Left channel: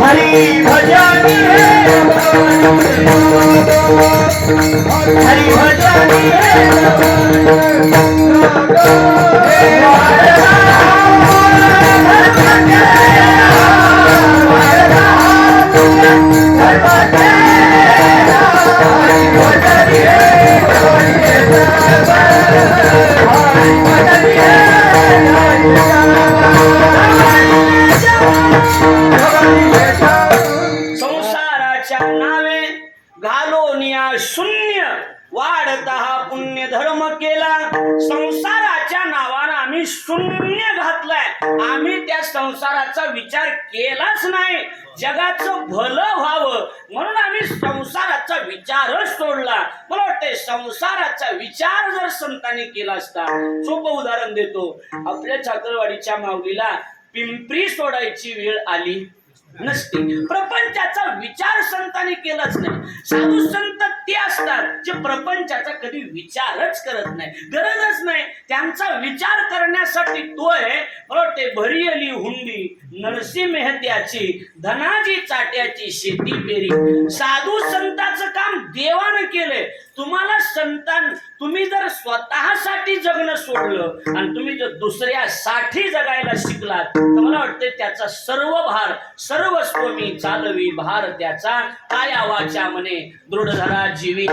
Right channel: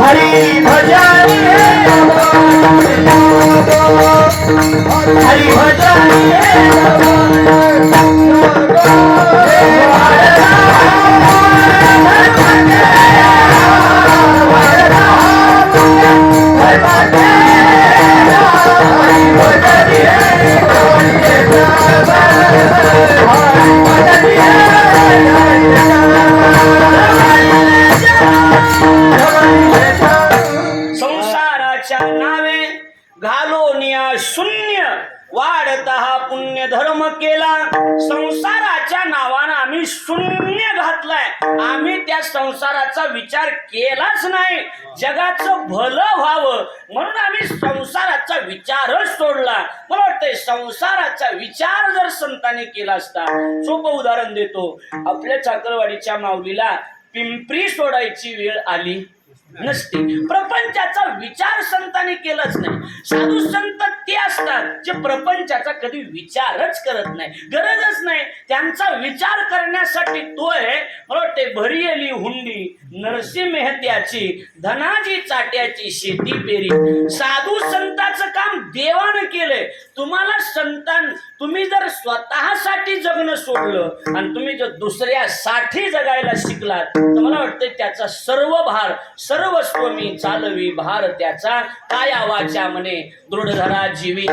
हरी भजन हरी भजन संसाराच्या नावे घालोनिया शून्य वाढता हा पुण्य धर्म केला. संसाराच्या नावानं आम्ही शून्य घातलाय. आम्ही त्या संसाराचा विचार केलाच नाही. जगाचं भलं व्हावं म्हणून आम्ही संसाराचा विचारच सोडला. मला वाटतंय संसाराचा विचार जर संतांनी केला असता. सोपं उदाहरण देतो. आपल्या चाकरवाडीच्या माऊलीला पिंपरी सोडायची वेळ आली नसते. प्रपंचाचा विचार संतांनी केलाच नाही. साधू संत ते असतात जे प्रपंचाचा कधी विचारच करत नाही, गरजच नाही. त्यांचा विचार करण्यासाठी तो आहे. मला वाटते भरी आली हुंडी नरसी मेहत्याची धनाजी चाट्याची शेती पेरी. साधू संतांचं काम देवानं केलंय. तुम्हाला संतान तुम्ही जर स्वतःसाठी जगणं सोडलं आणि तुम्ही जर दुसऱ्यासाठी जगायला शिकलात तर मला वाटतं त्याचा सर्व भार सर्वस्व मी चालवी भार त्याचा काया वाचा म्हणे दृढ धरा जीवी.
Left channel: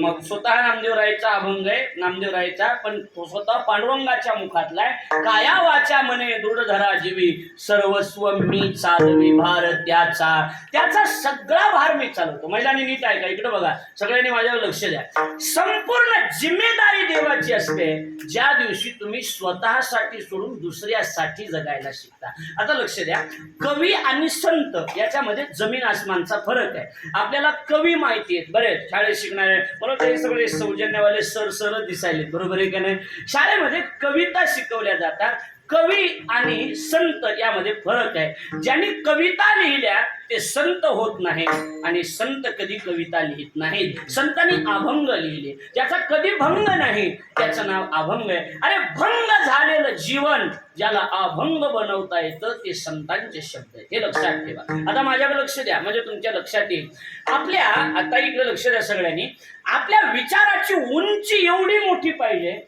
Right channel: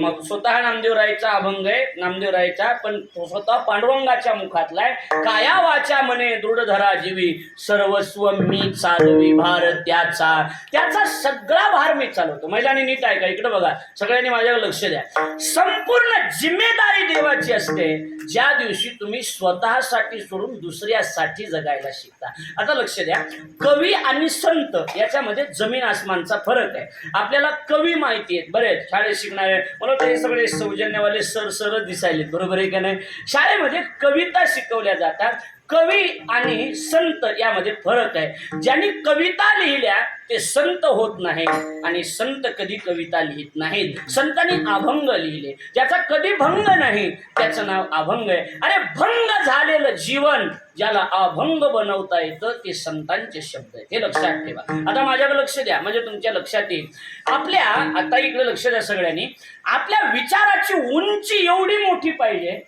मग स्वतः नामदेवरायचा अभंग आहे नामदेवरायचा, पण स्वतः पांडुरंगाच्या मुखातला आहे. काया वाचा म्हणे दृढ धरा जीवी सर्वस्व मी चालवी भार त्याचा. त्याचा सगळा भार मी चालवतो. महिलांनी नीट ऐका, इकडे बघा, सगळ्यांनी माझ्यावर लक्ष द्या. संपूर्ण जिम्मेदारी देवाची असते ज्या दिवशी तुम्ही स्वतःसाठी सोडून दुसऱ्यासाठी जगायला शिकता. आता लक्ष द्या, कवी आणि संत याच्यामध्ये जमीन आसमानचा फरक आहे. आपल्याला कवी माहिती आहेत बरेच शाळेत शिकणारे. मला ते सगळे सौजन्यवाले सर दिसायले, बरोबर आहे का नाही. शाळेमध्ये कविता शिकवल्या जातात. कवी आणि संत यामध्ये फरक आहे. ज्यांनी कविता लिहिल्या ते संत होत नाही आणि संत कधी कविता लिहित नाहीत. संतांनी अभंग लिहिले, ज्याचा कधी भंग नाही त्याचं नाव अभंग आहे. अरे भंग झालेलं जीवन ज्याला अभंग बनवता येतं ते संतांचे शब्द आहेत. हे लक्षात ठेवा. आता माझ्याकडे लक्ष द्या म्हणजे तुमच्या लक्षात येईल. आपल्या आता इकडे लक्ष द्या सगळ्यांनी. आपल्या विचाराची उंची एवढी मोठी पाहिजे.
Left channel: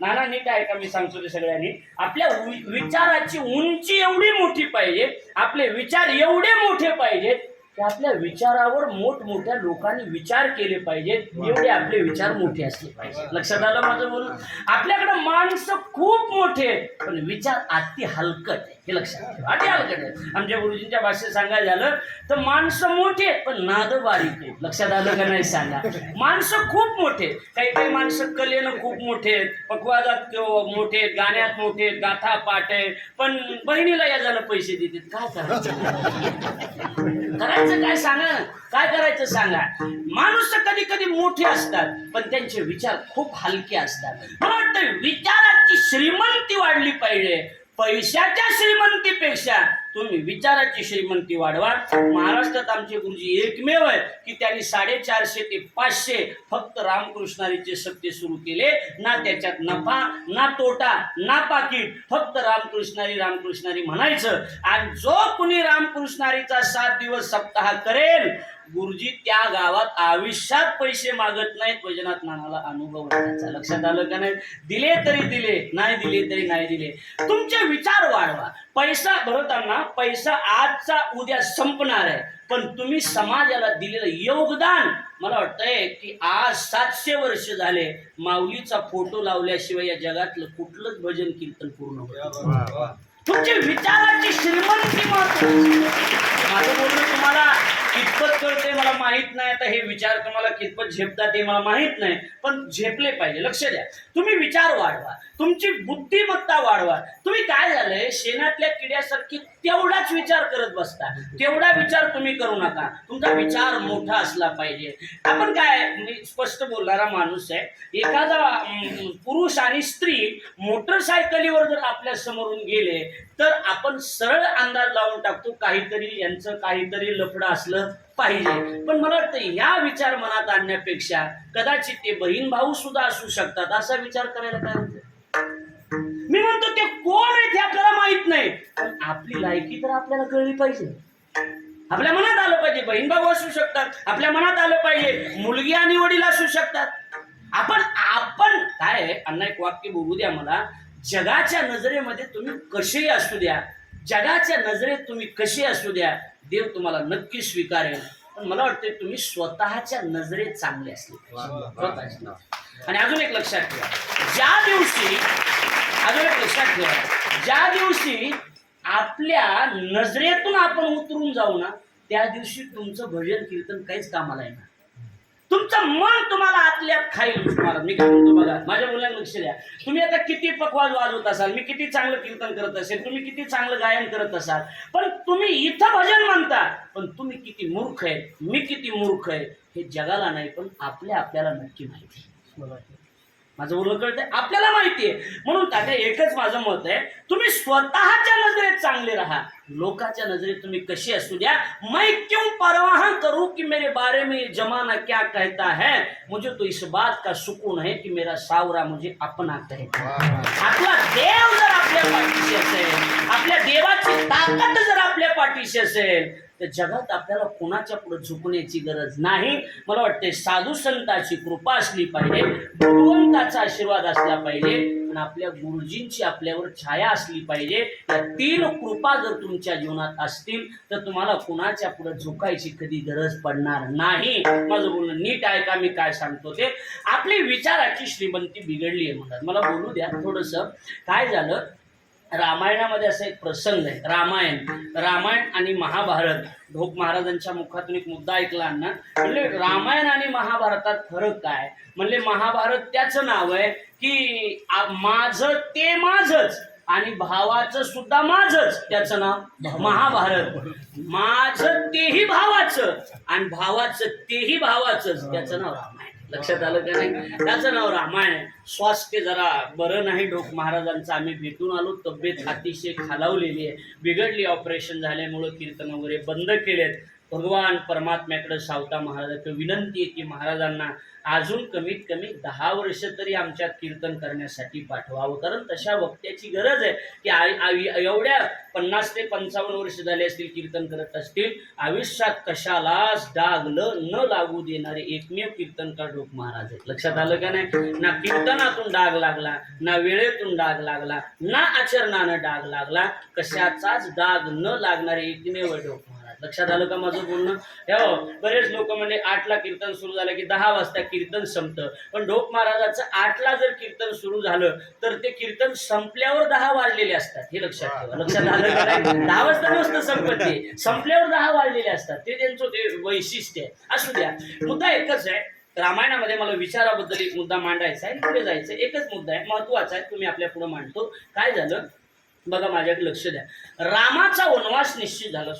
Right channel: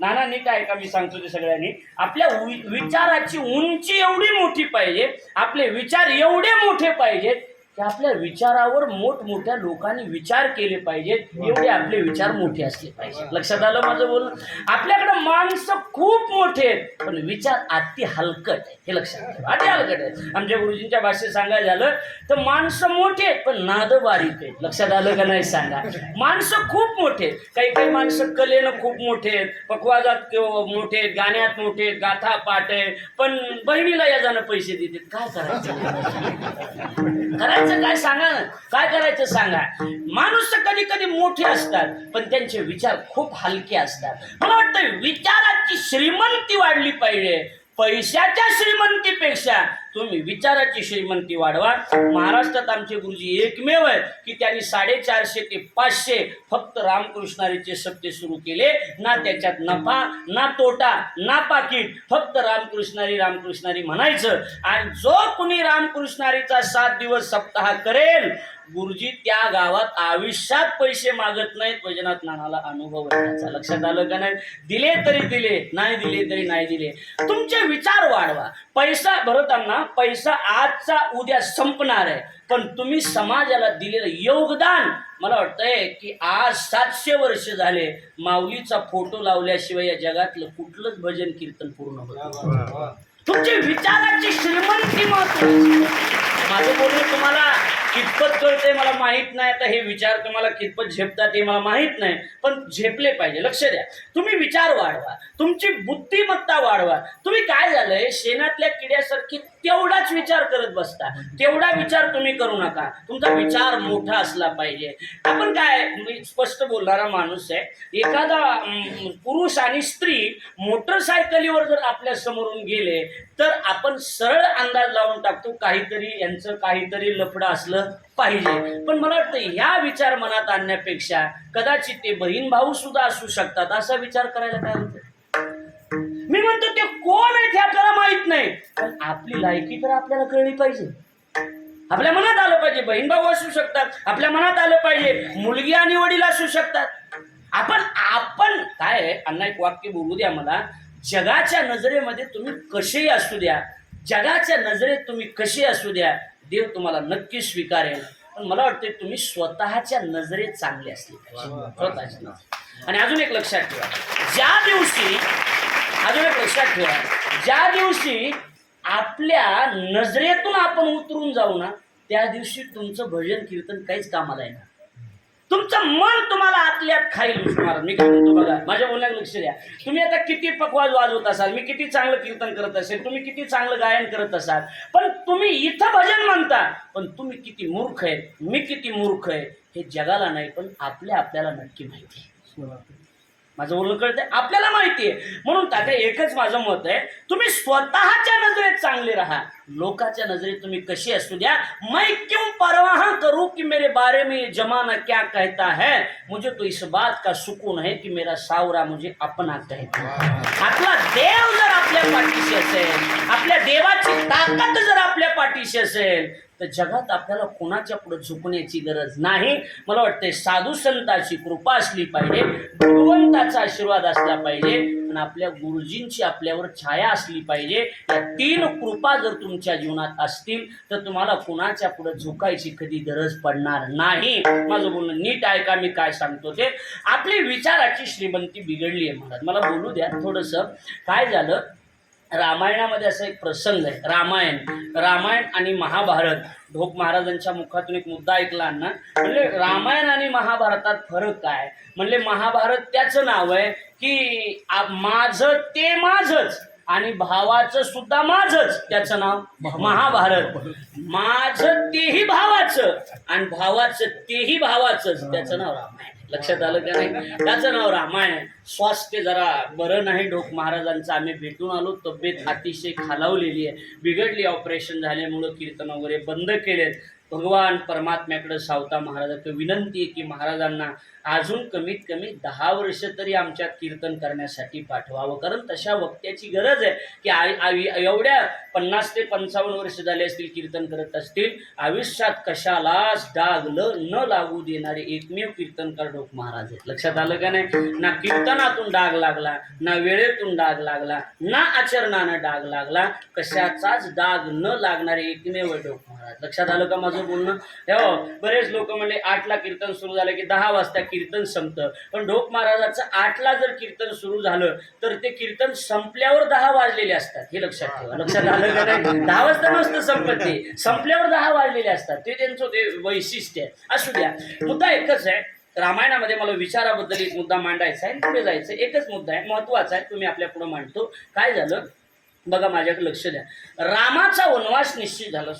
नाना नीट आहे का मी सांगतो ते सगळ्यांनी. आपल्या विचाराची उंची एवढी मोठी पाहिजे, आपले विचार एवढे मोठे पाहिजेत की आपल्या विचारावर मोठमोठ्या लोकांनी विचार केले पाहिजेत. एवढे आपले विचार मोठे असले पाहिजे. लक्षात आलं माझं बोलणं. आपल्याकडे माणसं खूप मोठे आहेत पण विचार अति हलकट आहे. हे लक्षात ठेवा, अति हलकट आहेत. आमच्या गुरुजींच्या भाषेत सांगायचं झालं तर माणसं मोठे आहेत पण नाद बारीक आहेत. लक्षात आलं का नाही सांगा. माणसं खूप मोठे आहेत. काही काही माणसं कलेनं खूप मोठे आहेत, पक्वाजात मोठे आहेत, गाण्यात मोठे आहेत, गाथा पाठ आहे, पण बहिणीला या जाणं पैसे देतात. काय करायचं काय सांगा ना, काय करायचं सांगा. माणूस कधी कधी मोठे असतात पण त्यांचे विचार खूप हलके असतात. मला वाटतं विचाराची श्रीमंती वाढली पाहिजे. पैशाच्या श्रीमंतीपेक्षा तुम्ही विचाराची श्रीमंती वाढवा. महाराष्ट्रात आमचे गुरुजी एकमेव आहेत की त्यांनी 450 ते 500 फक्त रामकृष्णारीचे सप्ते सुरू केले. ना त्याच्यात नफा ना तोटा ना पाकिट, फक्त रामकृष्णारी म्हणायचं. आणि जो कुणी रामकृष्णारीचा 7 दिवस सप्ताह करेल गुरुजी त्या गावात आयुष्यात पैसे मागत नाहीत. वैजनाथ नानाला अनुभव आहे. लक्षात आलं का नाही. दिले तरी दिले, नाही दिले तरी नाही दिले. तुमचे विचार वाढवा. पैसा भरताना पैसा आजचा उद्या संपणार आहे पण तुम्ही समाजाला दिलेलं योगदान, मला वाटतंय की आज 700 वर्ष झाले माऊलीचा फोटो लावल्याशिवाय या जगातलं कुठलंच भजन कीर्तन पूर्ण होतं. तुमची विचाराची श्रीमंती महत्वाची. माझं बोलणं तुम्हाला कितपत कळतंय मला माहित नाही. आता हे विचार तुम्हाला कितपत झेपतात हे मला माहित नाही, पण झेपले पाहिजे. लक्ष द्या. तुम्ही विचार वाढवा, तुमची बुद्धिमत्ता वाढवा. तुम्ही काय झालंय शेणातल्या किड्यासारखी तेवढाच तेवढाच विचार करत बसता. तेवढा विचार तुम्ही करू नका. तुमचा विचार मोठा असला पाहिजे. आपण काय, मी स्पष्ट बोलणारा माणूस आहे. एखादा पुरुष आणि स्त्री मोटरसायकलीवर जर आपल्या समोरून गेले तर आपण सरळ अंदाज लावून टाकतो काहीतरी यांचं काहीतरी लफडं असलं पाहिजे. पण मला वाटतं ह्या विचार मनात आणण्यापेक्षा कदाचित ते बहीण भाऊ सुद्धा असू शकतात असा विचार करायला काय होतं. मी म्हणतो ते कोण आहे ते आपल्याला माहित नाही, पण आपली लायकी तर आपल्याला कळली पाहिजे. आपल्या मनात आलं पाहिजे बहीण भाऊ असू शकतात, आपल्या मनात आलं पाहिजे मुलगी आणि वडील असू शकतात. आपण काय आहे, अण्णा एक वाक्य बोलू द्या मला. जगाच्या नजरेमध्ये तुम्ही कसेही असू द्या, जगाच्या नजरेत तुम्ही कसे असू द्या, देव तुम्हाला नक्की स्वीकारेल. पण मला वाटतं तुम्ही स्वतःच्या नजरेत चांगले असले पाहिजे, स्वतःच्या नजरेत. आणि अजून एक लक्षात ठेवा, ज्या दिवशी आपल्या नजरेतून आपण उतरून जाऊ ना, त्या दिवशी तुमचं भजन कीर्तन काहीच कामाला येणार. तुमचं मन तुम्हाला आतल्यात खाईल. महाराज मी काय म्हणतो बघा, माझ्या बोलण्यात लक्ष द्या. तुम्ही आता किती पकवाज वाजवत असाल, मी किती चांगलं कीर्तन करत असेल, तुम्ही किती चांगलं गायन करत असाल, पण तुम्ही इथं भजन म्हणता, पण तुम्ही किती मूर्ख आहे, मी किती मूर्ख आहे हे जगाला नाही पण आपल्याला नक्की माहिती आहे. माझं बोलणं कळतंय, आपल्याला माहिती आहे. म्हणून तात्या एकच माझं मत आहे, तुम्ही स्वतःच्या नजरेत चांगले राहा. लोकांच्या नजरेत तुम्ही कशी असू द्या. मैं क्यों परवाह करूं कि मेरे बारे में जमाना क्या कहता है, मुझे तो इस बात का सुकून है कि मेरा सावरा मुझे अपना कहता है. आपला देव जर आपल्या पाठीशी असेल, आपल्या देवाची ताकद जर आपल्या पाठीशी असेल तर जगात आपल्याला कोणाच्या पुढे झुकण्याची गरज नाही. मला वाटते साधू संतांची कृपा असली पाहिजे, भगवंताचा आशीर्वाद असला पाहिजे आणि आपल्या गुरुजींची आपल्यावर छाया असली पाहिजे. या तीन कृपा जर तुमच्या जीवनात असतील तर तुम्हाला कोणाच्या पुढे झुकायची कधी गरज पडणार नाही. माझं बोलणं नीट ऐका, मी काय सांगतो ते. आपली विचाराची श्रीमंती बिघडली आहे म्हणतात. मला बोलू द्या थोडंसं. काय झालं, रामायणामध्ये असा एक प्रसंग आहे. रामायण आणि महाभारत. ढोक महाराजांच्या मुखातून एक मुद्दा ऐकला ना, म्हणजे रामायण आणि महाभारतात फरक काय. म्हणजे महाभारत त्याचं नाव आहे की माझं ते माझंच आणि भावाचं सुद्धा माझंच, त्याचं नाव महाभारत. माझं तेही भावाचं आणि भावाचं तेही भावाचंच, त्याचं नाव रामायण. लक्षात आलं का नाही, त्याचं नाव रामायण आहे. स्वास्थ्य जरा बरं नाही ढोक महाराजांचं, आम्ही भेटून आलो. तब्येत अतिशय खालावलेली आहे, बिघडली. ऑपरेशन झाल्यामुळं कीर्तन वगैरे बंद केलेत. भगवान परमात्म्याकडे सावता महाराजांकडे विनंती आहे की महाराजांना अजून कमीत कमी 10 वर्ष तरी आमच्यात कीर्तन करण्यासाठी पाठवावं, कारण तशा वक्त्याची गरज आहे की एवढ्या 50 ते 55 वर्ष झाले असतील कीर्तन करत असतील, आयुष्यात कशालाच डाग न लागू देणारे एकमेव कीर्तनकार ढोक महाराज आहेत. लक्षात आलं का नाही. ना कीर्तनातून डाग लागला, ना वेळेतून डाग लागला, ना आचरणानं डाग लागला, कशाचाच डाग न लागणारे एकमेव ढोक महाराज. लक्षात आलं का माझं बोलणं. हो, बरेच लोक म्हणजे 8ला कीर्तन सुरू झालं की 10 वाजता कीर्तन संपतं, पण ढोक महाराजाचं 8ला जर कीर्तन सुरू झालं तर ते कीर्तन संपल्यावर 10 वाजलेले असतात. हे लक्षात ठेवा. लक्षात आलं का नाही. 10 वाजता नसतं संपत, ते संपल्यावर 10 वाजलेले असतात. ते त्यांचं ते वैशिष्ट्य आहे. असू द्या, मुद्दा एकच आहे. रामायणामध्ये मला विचाराबद्दल एक मुद्दा मांडायचा आहे, पुढे जायचं. एकच मुद्दा आहे, महत्वाचा आहे, तुम्ही आपल्या पुढे मांडतो. काय झालं बघा, माझ्याकडे लक्ष द्या. रामाचा वनवास निश्चित झाला.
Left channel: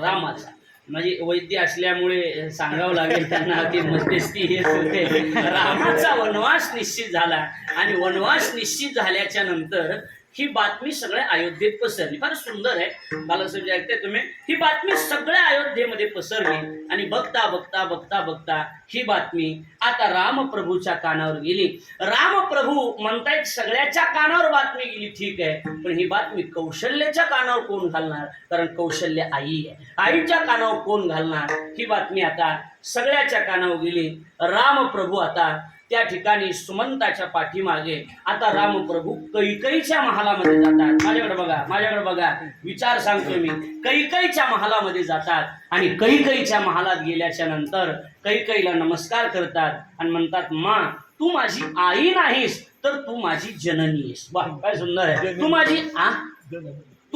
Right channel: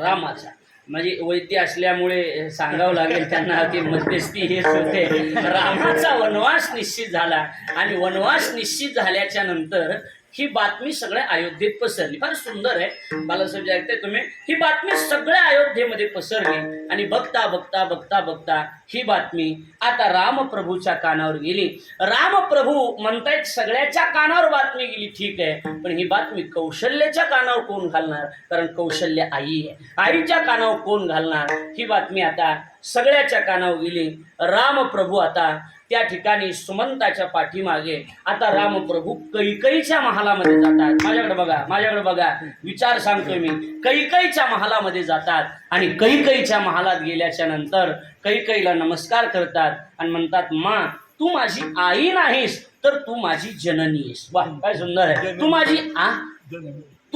रामाचा म्हणजे वैद्य असल्यामुळे सांगावं लागेल त्यांना की मध्यस्थी हेच होते. रामाचा वनवास निश्चित झाला आणि वनवास निश्चित झाल्याच्या नंतर ही बातमी सगळ्या अयोध्येत पसरली. फार सुंदर आहे बालासाहेब, ऐकताय तुम्ही. ही बातमी सगळ्या अयोध्येमध्ये पसरली आणि बघता बघता बघता बघता ही बातमी आता रामप्रभूच्या कानावर गेली. रामप्रभू म्हणतायत सगळ्याच्या कानावर बातमी गेली, ठीक आहे, पण ही बातमी कौशल्याच्या कानावर कोण घालणार, कारण कौशल्य आई आहे. आईच्या कानावर कोण घालणार. ही बातमी आता सगळ्याच्या कानावर गेली. रामप्रभू आता त्या ठिकाणी सुमंताच्या पाठीमागे आता रामप्रभू कैकईच्या महालामध्ये जातात. माझ्याकडे बघा, विचार सांगतोय मी. कैकईच्या महालामध्ये जातात आणि कैकईच्या महालात गेल्याच्या नंतर कैकईला नमस्कार करतात आणि म्हणतात, मा तू माझी आई नाहीस तर तू माझी जननी आहेस. वा, काय सुंदर आहे. तू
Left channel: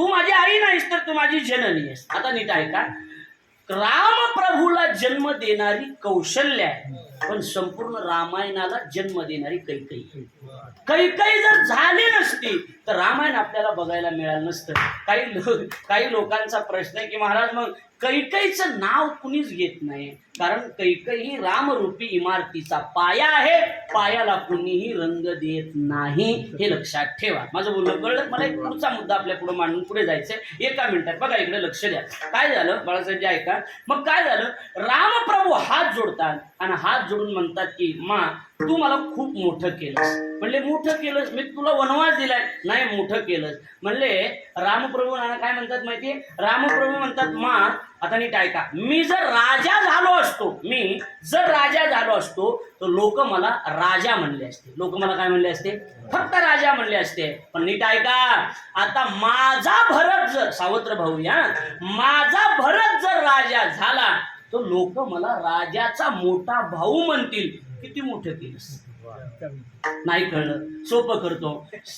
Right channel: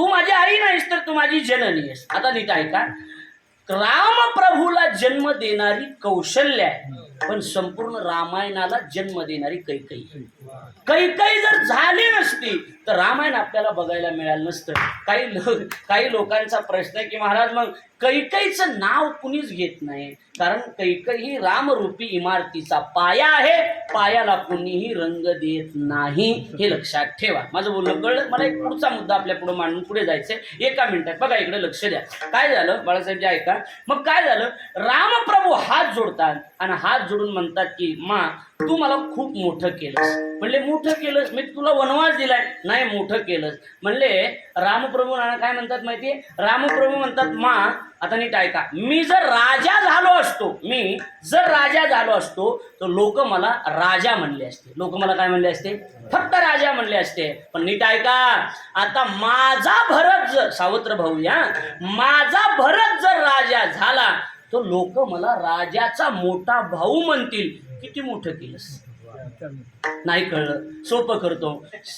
माझी आई नाहीस तर तू माझी जननी आहेस. आता नीट ऐका, रामप्रभूला जन्म देणारी कौशल्य आहे पण संपूर्ण रामायणाला जन्म देणारी कैकई. कैकई जर झाली नसती तर रामायण आपल्याला बघायला मिळालं नसतं. काही लोकांचा प्रश्न आहे की महाराज मग कैकईचं नाव कुणीच घेत नाही, कारण कैकई ही रामरूपी इमारतीचा पाया आहे, पायाला कुणीही रंग देत नाही, हे लक्षात ठेवा. माझं बोलणं कळलं. मला एक पुढचा मुद्दा आपल्या पुढे मांडून पुढे जायचंय 1 मिनिटात. बघा इकडे लक्ष द्या. काय झालं बाळासाहेब, ऐका. मग काय झालं, रामप्रभू हात जोडतात आणि हात जोडून म्हणतात की मा तू मला खूप मोठं केलंस. म्हणले मोठं केलंस, मी तुला वनवास दिलाय. नाही मोठं केलंस. म्हणले रामप्रभू काय म्हणतात माहितीये, रामप्रभू म्हणतात मा आता नीट ऐका, मी जर राजा झालो असतो तर लोक मला राजा म्हणले असते. लोक मला काय म्हणले असते, फक्त राजा म्हणले असते. पण नीट ऐका, आता माझा भरत जर सावत्र भाऊ या माझा भरत जर राजा झाला तर लोक मला राजाचा मोठा भाऊ म्हणतील. किती मोठं केलंस. नाही कळलं, सोपं करतो.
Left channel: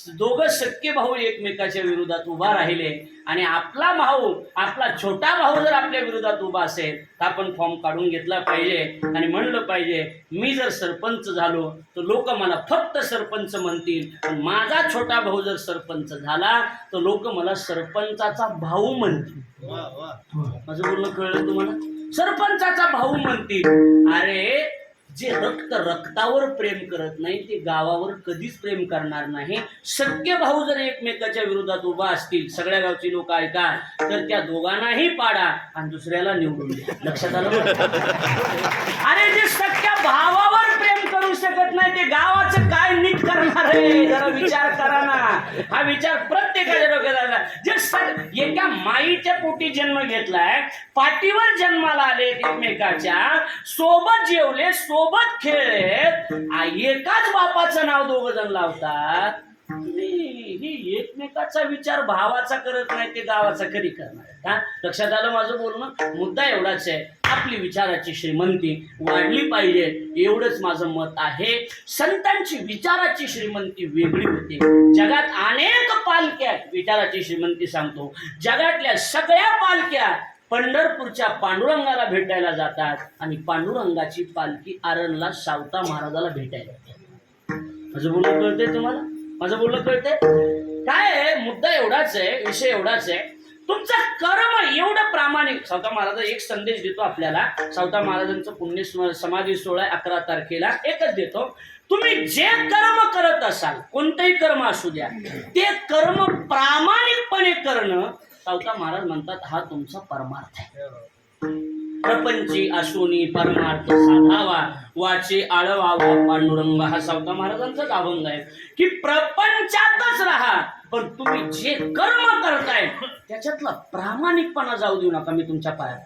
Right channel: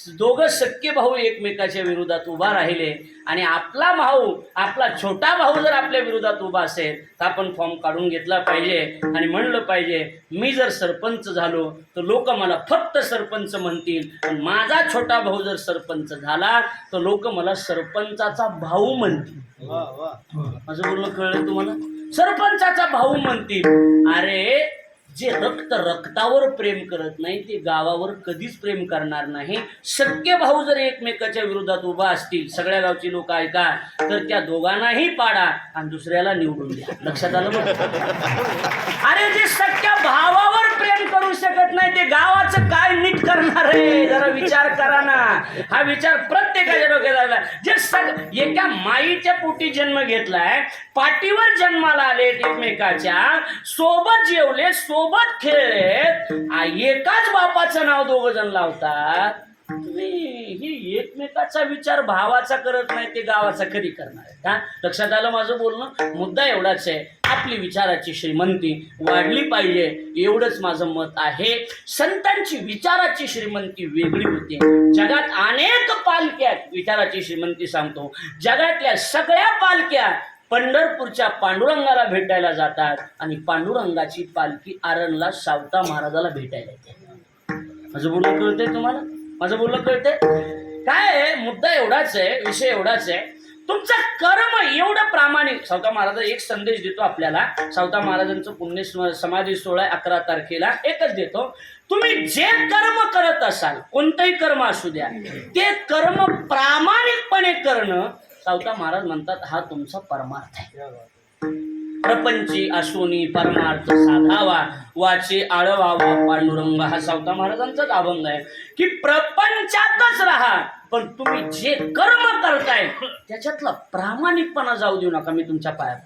दोघं सख्खे भाऊ एकमेकाच्या विरोधात उभा राहिले आणि आपला भाऊ, आपला छोटा भाऊ जर आपल्या विरोधात उभा असेल तर आपण फॉर्म काढून घेतला पाहिजे आणि म्हणलं पाहिजे मी जर सरपंच झालो तर लोक मला फक्त सरपंच म्हणतील, पण माझा छोटा भाऊ जर सरपंच झाला तर लोक मला सरपंचाचा भाऊ म्हणतील. माझं बोलणं कळलं तुम्हाला, सरपंचाचा भाऊ म्हणतील. अरे जे रक्तावर प्रेम करत नाही ते गावावर कधीच प्रेम करणार नाही. सख्खे भाऊ जर एकमेकाच्या विरोधात उभा असतील, सगळ्या गावची लोक ऐका, तर त्या दोघांनाही पाडा आणि दुसऱ्याला निवडून द्या. लक्षात आलं. अरे जे सख्या भावावर प्रेम करू शकत नाही ते गावाचं काय नीट करणार आहे, जरा विचार करा ना. हा विचार प्रत्येकाच्या डोक्यात आला. जे एका माईच्या पोटी जन्म घेतलाय, पाठीवर जन्माला आले, एकमेकाच्या सोबत जेवले, सोबत खेळलेत, एकाच बापाचं नाव 2 जण लावतात. ही एकमेकाचा विचार भावाचा करत नाही ते गावाचा कधी करणार आहे का. लक्षात आलं माझं बोलणं. मुद्दा एवढाच आहे, आपली विचाराची श्रीमंती वाढली पाहिजे, एवढंच माझं मत आहे. संतांची विचाराची श्रीमंती वेगळी होती. जगात अनेक पालख्या, विचाराची श्रीमंती सांगतो, जगातल्या सगळ्या पालख्या पंढरपूरच्या पांडुरंगाला भेटायला जातात आणि पांडुरंगाची पालखी आरणला सावता महाराजाला भेटायला येते. माझं बोलणं कळतंय तुम्हाला, माझं बोलणं कळतंय. काय आहे, मुद्दा एवढाच आहे, विषय एवढाच आहे, तुमचं कर्म एवढं प्रामाणिक. सावता महाराज एक संदेश देतो आपल्याला. सावता महाराजांचं पुण्य समाधी सोहळा 11 तारखेला. एकच देतो, तुम्ही जे कर्म करत असाल, कोणतंही कर्म असू द्या, ते कर्म प्रामाणिकपणे करणं, सावता महाराज म्हणतात हा तुमचा परमार्थ आहे. प्रपंची असोनी परमार्थ साधावा, वाचे आळवावा पांडुरंग, हा सावता महाराजांचाच अभंग आहे की प्रपंचातच राहा, पण तुम्ही जे कर्म करताय त्याच्यातला प्रामाणिकपणा जाऊ देऊ नका. मी तुमच्या पायात,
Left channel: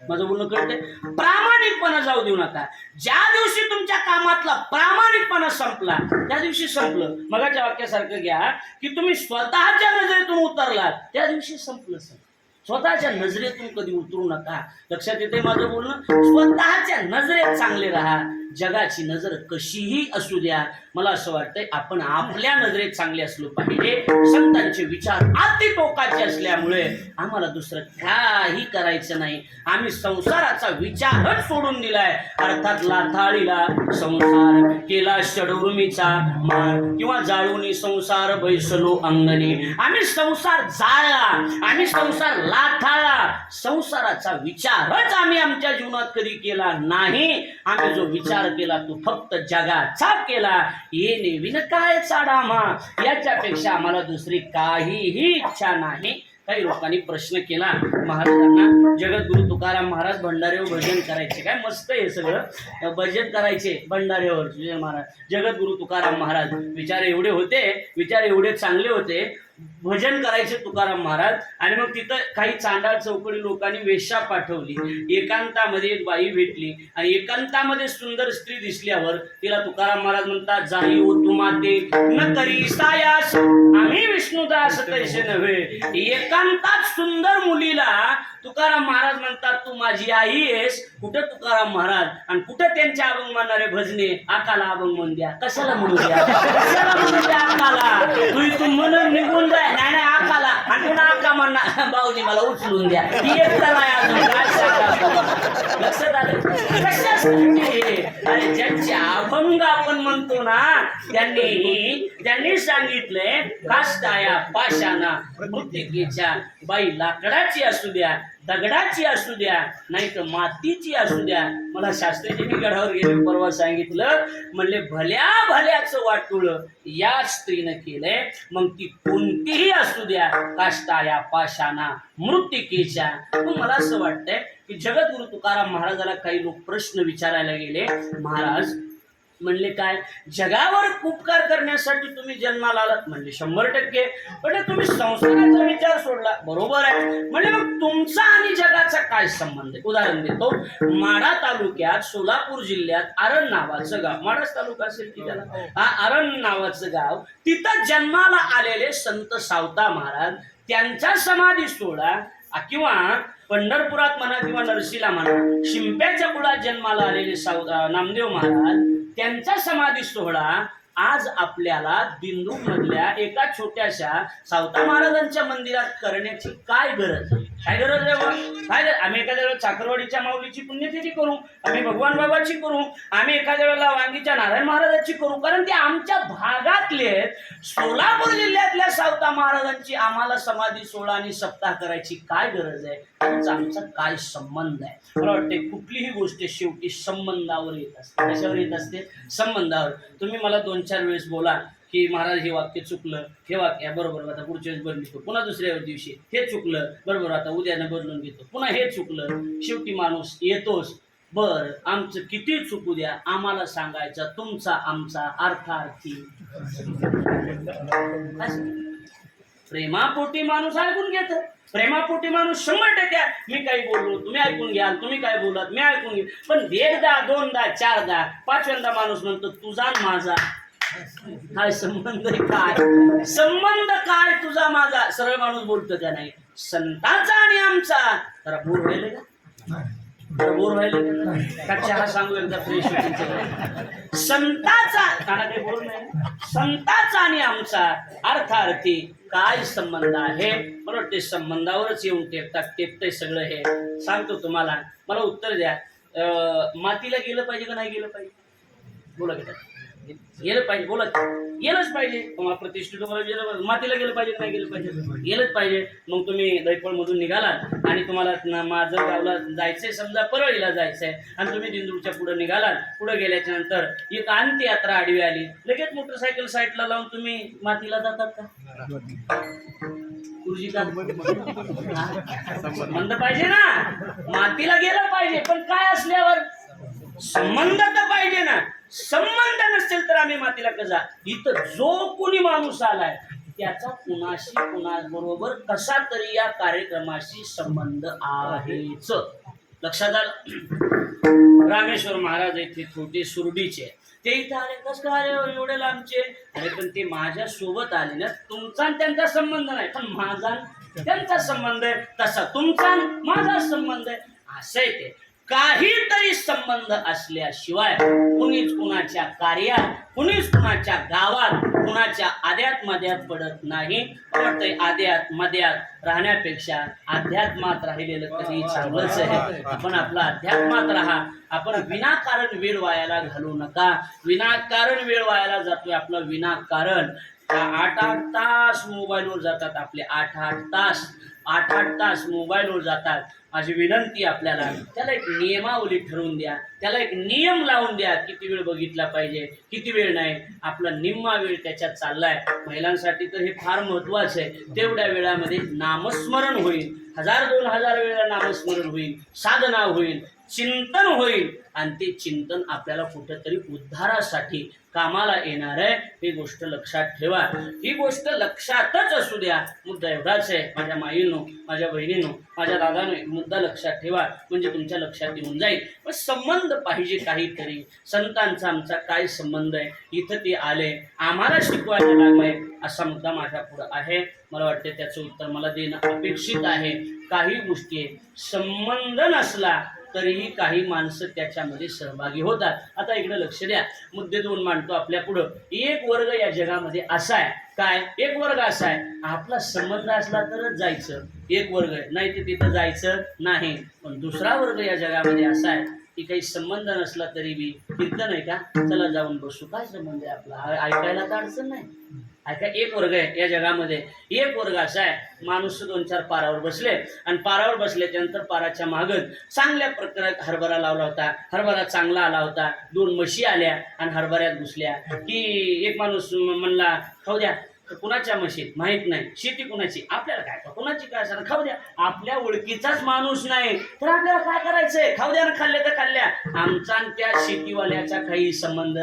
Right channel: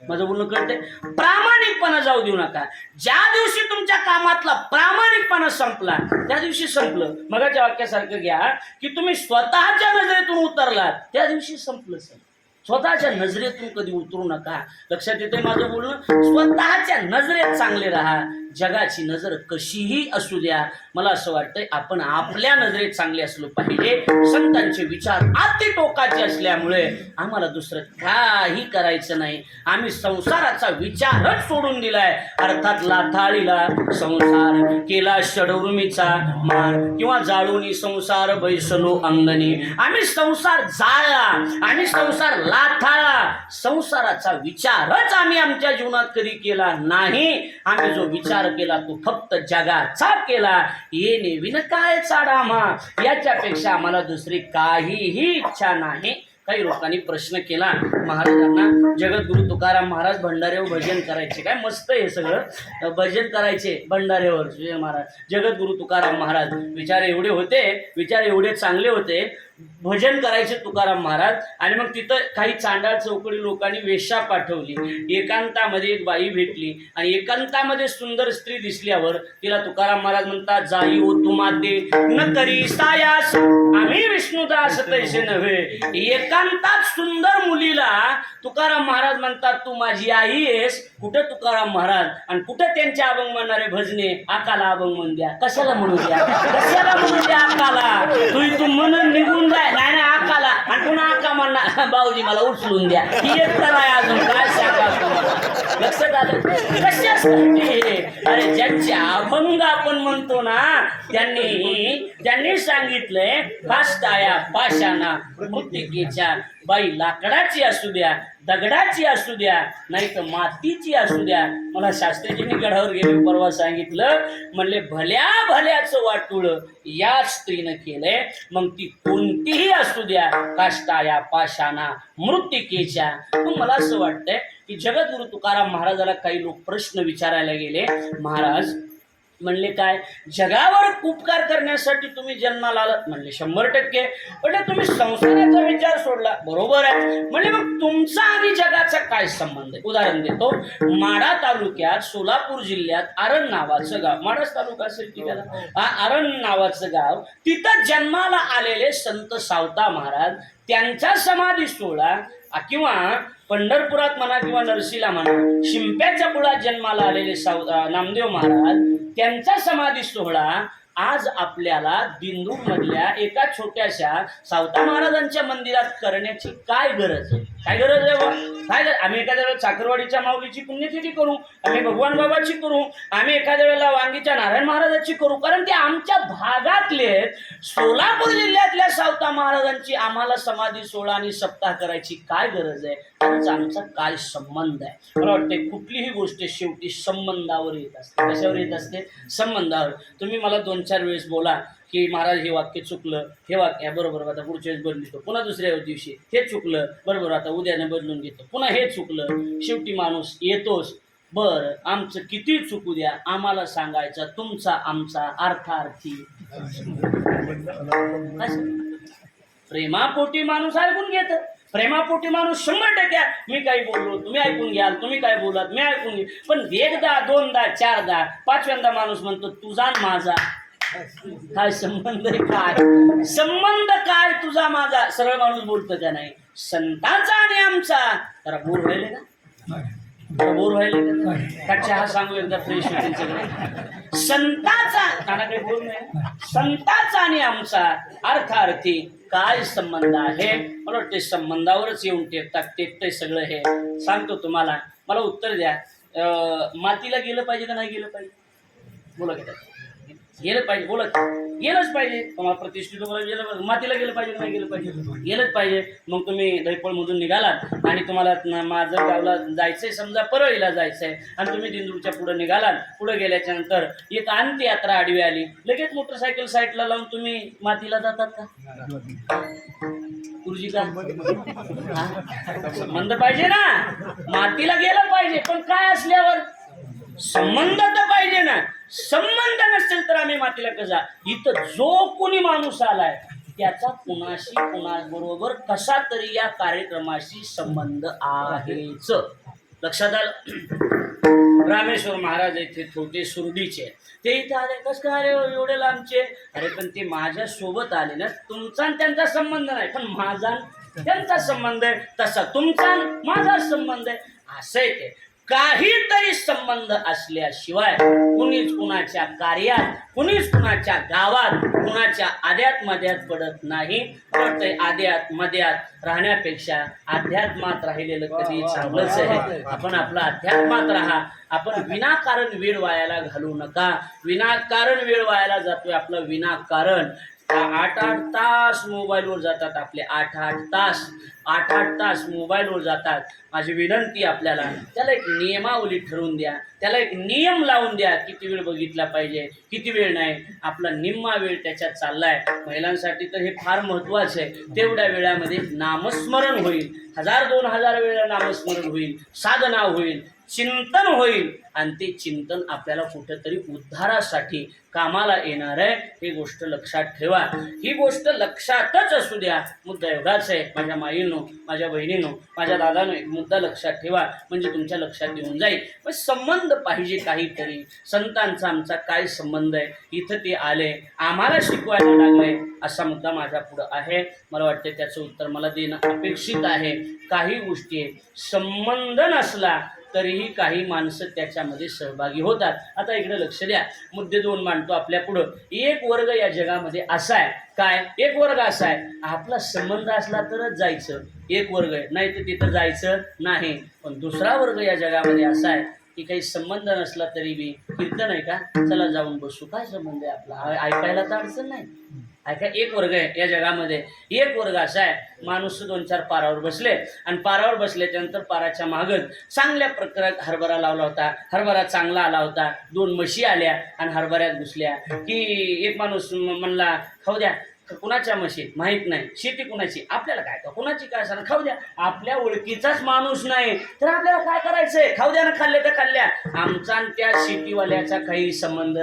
माझं बोलणं कळतंय, प्रामाणिकपणा जाऊ देऊ नका. ज्या दिवशी तुमच्या कामातला प्रामाणिकपणा संपला त्या दिवशी संपलं. मगाच्या वाक्यासारखं घ्या की तुम्ही स्वतःच्या नजरेतून उतरलात त्या दिवशी संपलं. स्वतःच्या नजरेतून कधी उतरू नका. लक्षात येते माझं बोलणं. स्वतःच्या नजरेत चांगले राहा. जगाची नजर कशीही असू द्या, मला असं वाटतंय आपण आपल्या नजरेत चांगले असलो पाहिजे. संतांचे विचार अति टोकाचे असल्यामुळे आम्हाला दुसरं काही करायचं नाही. आम्ही संसाराचा विचारच सोडून दिलाय. अर्थात लाथाळीला संसार केला षडउर्मीचा मार, किंवा जाळूनी संसार बैसलो अंगणी. आम्ही संसार जाळला, आम्ही संसार लाथाळला. संसाराचा विचारच आम्ही आमच्या जीवनात कधी केला नाही. आम्ही जो विचार केला तो फक्त जगाचा केला. येणे विन काय चाडामा, याच्यापेक्षा आम्हाला दुसरी काहीही इच्छा नाही. काही लोकांनी प्रश्न केला महाराजांना, जगद्गुरु तुकाराम महाराज भंडाऱ्यावर भजन करायचे, काय मस्त आहे सगळं, भजन करायचे भंडाऱ्यावर महाराज. जगद्गुरु तुकाराम महाराज विचार एवढे होते, विचार एवढे चांगले होते, भजन करायचे तुकाराम महाराज. आणि मग तिथं काही चांडाळ चौकडी लोकांनी वेश्या पाठवली. एकांतामध्ये एक बाई भेटली आणि एकांतामध्ये सुंदर स्त्री दिसल्यावर तिला तुकाराम महाराज म्हणतात, जाई ओ तू माते न करी सायास, आम्ही विष्णुदास तैसे नव्हे. एकांतात सुंदर मुलीला तुकाराम महाराज म्हणतात तू माझी आई आहेस. कुठं तुकाराम महाराज आणि कुठं त्यांच्या अभंग म्हणणारे भजने, आकाला अभंग म्हण द्या. कशाला म्हणू द्या, कशाला म्हणू द्या आकाला. तू इथून म्हणून निघून जाय, नाही आकाला, आणि पुन्हा आका म्हणणार भाऊजी मला उचलून द्या, ही एक तर आहे अजून काय सांगा. लक्षात आलं कशासाठी? अरे ज्यांच्या अभंग आपण म्हणतो ना त्यांनी सांगितलंय काष्टाया पाषाणा मृत्तिकेच्या, बाई लाकडाची असू द्या, दगडाची असू द्या, नाही तर मातीची असू द्या. मला शास्त्रीजींनी गडावर गेले परवा सांगितलं, म्हणले भल्या भल्याचं वाटुळ या स्त्रीनं केलंय, मग ती कोणतीही असू द्या, काष्टाया पाषाणा मृत्तिकेच्या. मग मला असं वाटतंय की जगद्गुरु तुकाराम महाराजाला काही लोक प्रश्न विचारायला गेले. महाराज म्हणले काय, जगावर उपकार करण्यासाठी तुम्ही जन्माला आलात? म्हणले 100%. म्हणजे तुम्ही संसाराचा विचार सोडला, बरोबर आहे. म्हणजे मग तुमचा आणि जगाचा काय संबंध आहे? उदाहरण देतो. माढा तालुक्यात सोलापूर जिल्ह्यात आरण नावाचं गाव, माढाच तालुका असेल की त्याला, आरण नावाचं गाव, तिथं जन्माला आलेले संत सावता महाराज, त्यांचा समाधी सोहळा किंवा पंढरपुरात म्हणा किंवा नरसीला म्हणा, शिंप्याच्या कुळात जन्माला आलेले नामदेव महाराज, त्यांचा समाधी सोहळा आज आपल्याला दिंडूर मधल्या एका छोट्याशा सावता महाराजांच्या मंदिरात करण्याची काय गरज आहे? काय गरज आहे बा? काय आम्ही एखाद्या वेळेला चाकरवाडीच्या माऊलीची पुण्यतिथी करू, आम्ही भगवान बाबाची करू, आम्ही एखाद्या वेळेला वांगीच्या नारायण महाराजाची करू, कारण ते आमच्या भागातले. सोलापूर जिल्ह्यातल्या सावता महाराजांची आम्हाला समाधी सोहळा आणि सप्ताह करायची काय गरज आहे? त्यांचा आमचा काय संबंध आहे? मला वाटते कुठलीही गोष्ट शेवटी संबंधावर येत असते. कशावर येत असते? संबंधावर. तुम्ही मला 2-4 वेळेस बोला की महाराज हे वाक्य चुकलं, हे वाक्य बरोबर, आता पुढच्या वेळेस बदलतो, पुन्हा दुसऱ्या दिवशी हे चुकलं, बरोबर, आता उद्यानं बदलून घेतो, पुन्हा हे चुकलं. शेवटी माणूस येतोच. बर, आमचं किती चुकू द्या, आम्हाला सांगायचं तुमचा आमचा अर्थार्थी. प्रेमापोटी माणूस ऐकून घेत, प्रेमापोटी माणूस 100%. मी काही बोललो तुम्ही ऐकून घ्याल, तुम्ही काय बोलात मी ऐकून घे. पण 1दा 2दा 4दा 5व्यांदा माणूस म्हणतो तुझा माझा काय संबंध आहे? काय संबंध? काय तुझा माझा? सरळ माणूस बोलतो का नाही? संतांचा आणि आमचा. जरा बोर व्हायले का? बोर व्हायले का? चहा सांगू एकदा फ्रेश होतील. संतांचा काना काही बोल नाही. संतांचा आणि आमचा अर्थार्थी काय संबंध आहे? मला वाटते संबंधावरच येऊन टेकतंय सगळं. हे सांगतो तुम्हाला, मला उत्तर द्या. मातीला गेलं पाहिजे का नाही गेलं पाहिजे? बोला की गेलं पाहिजे, बोलत गेलंच पाहिजे. तुम्हाला प्रतिष्ठित मातीला गेलं पाहिजे नाही गेलं पाहिजे? गेलंच पाहिजे. मग तुम्ही दैपळमधून निघालात आणि तुम्हाला माझं गावला जायचंय, समजा परळीला जायचंय, आणि तुम्ही दिंडूरच्या पुढे निघालात. पुढे गेल्याच्या नंतर एक अंत्ययात्रा आडवी आली, लगेच मोटरसायकल साईडला लावून तुम्ही मातीला जातात का? गुरुजी का संबंध पाहिजे ना, मातीला गेलं पाहिजे. पण काय असल्यावर संबंध तर पाहिजे ना. संबंध नसेल तर आम्ही मातीला कसा? इथं जो कोणी माणूस आलाय त्याचा कुणाबरोबर कसा तरी या कार्यक्रमाशी संबंध आहेच. लक्षात आलं? रामेश्वर महाराज इथे थोटे सुरडीचे, ते इथं आले. कस काय आले एवढे लांबचे? अरे पण ते माझ्या सोबत आले ना. तुमचा त्यांचा संबंध नाही, पण माझा त्यांचा संबंध आहे. तसा तुमचा माझा संबंध आहे. असं आहे ते. काहीतरी संबंध असल्याशिवाय कुणीच कुणाच्या कार्यात, कुणीच कुणाच्या गावात, कुणाच्या आद्यात मध्यात पडत नाही. वाटतंय आद्यात मध्यात राहण्यापेक्षा अध्यात्मात राहिलेलं कधी चांगलंच आहे. आपण आपला अध्यात्मात राहा. आपण विनाकारण वेळ वायाला घालू नका. विनाकारण वेळ वायाला जातोय आपला, विनाकारण 8-8 तास मोबाईलवर जातात आपले. 8-8 तास मोबाईलवर जातात. माझी विनंती आपल्याला, त्याला एक नियमावली ठरवून द्या, त्याला एक नियम लावून द्या. किती वेळ बघितला पाहिजे, किती वेळ नाही. आपला निम्मा वेळ त्याच्यात चाललाय. महिलांसाठी तर हे फार महत्वाचं आहे. तेवढ्या वेळामध्ये नामस्मरण होईल, 1000-2000 वेळा नामस्मरण होईल, साधना होईल, चिंतन होईल, आणि ते चिंतन आपल्याला कुठेतरी उद्धारासाठी कामाला येणार आहे. ही गोष्ट लक्षात ठेवा. ही गोष्ट लक्षातच असू द्या. मुद्दा एवढाच आहे. माझ्या माईंनो, माझ्या बहिणींनो, माझ्या दादानो, मुद्दा लक्षात ठेवा, म्हणजे तुमच्या लक्षात येऊन जाईल. पण संबंध पाहिजे काहीतरी. संतांचा आमचा काय संबंध आहे? इथं ते आले, आम्हाला शिकवायला लागले, असा मुद्दा माझ्या पुढं आहे. मला वाटतं त्याचं उत्तर मला देणं अपेक्षित आहे. काही गोष्टी संबंध नसला तरीही काही माणसं त्याच्यामध्ये सहभागी होतात. आता इकडे लक्ष द्या. मुद्दे 2 मांडतो आपल्या पुढं. एक वर्ग या जगामध्ये असा आहे काय एक वर्ग असा आहे, आपला संबंध असला तरच जायचं, एक वर्ग आहे, नाही तर तिथं जायचं नाही. पण दुसरा वर्ग या जगामध्ये असा आहे की काही संबंध नसला तरी बी कीर्तन आहे का, चला जाऊन बसू, काय संबंध आहे आपला, ऐकायला तर अडचण नाही. ऐका, एक वर्ग आहे या जगामध्ये. एक वर्ग असा आहे, माणूस 2-4 पारावर बसले आणि पारावर बसल्याच्यानंतर पाराच्या मागच चांगल्या प्रकारात हरभरा लावला होता, हरभरा चांगला आला होता, 2 म्हशी आल्या आणि हरभऱ्यात घुसल्या की एक माणूस म्हणला खाऊ द्या. कुणाच्या म्हशी माहित नाही, शेती कुणाची आपल्याला काय, कुणाची काय असणार, खाऊ द्या. आपल्या ओळखीचाच माणूस नाही तर आपल्याला काय करायचंय, खाऊ द्या ना, खाल्ल्या तर खाल्ल्या. आमचा आणि त्या शेतीवाल्याचा काही संबंध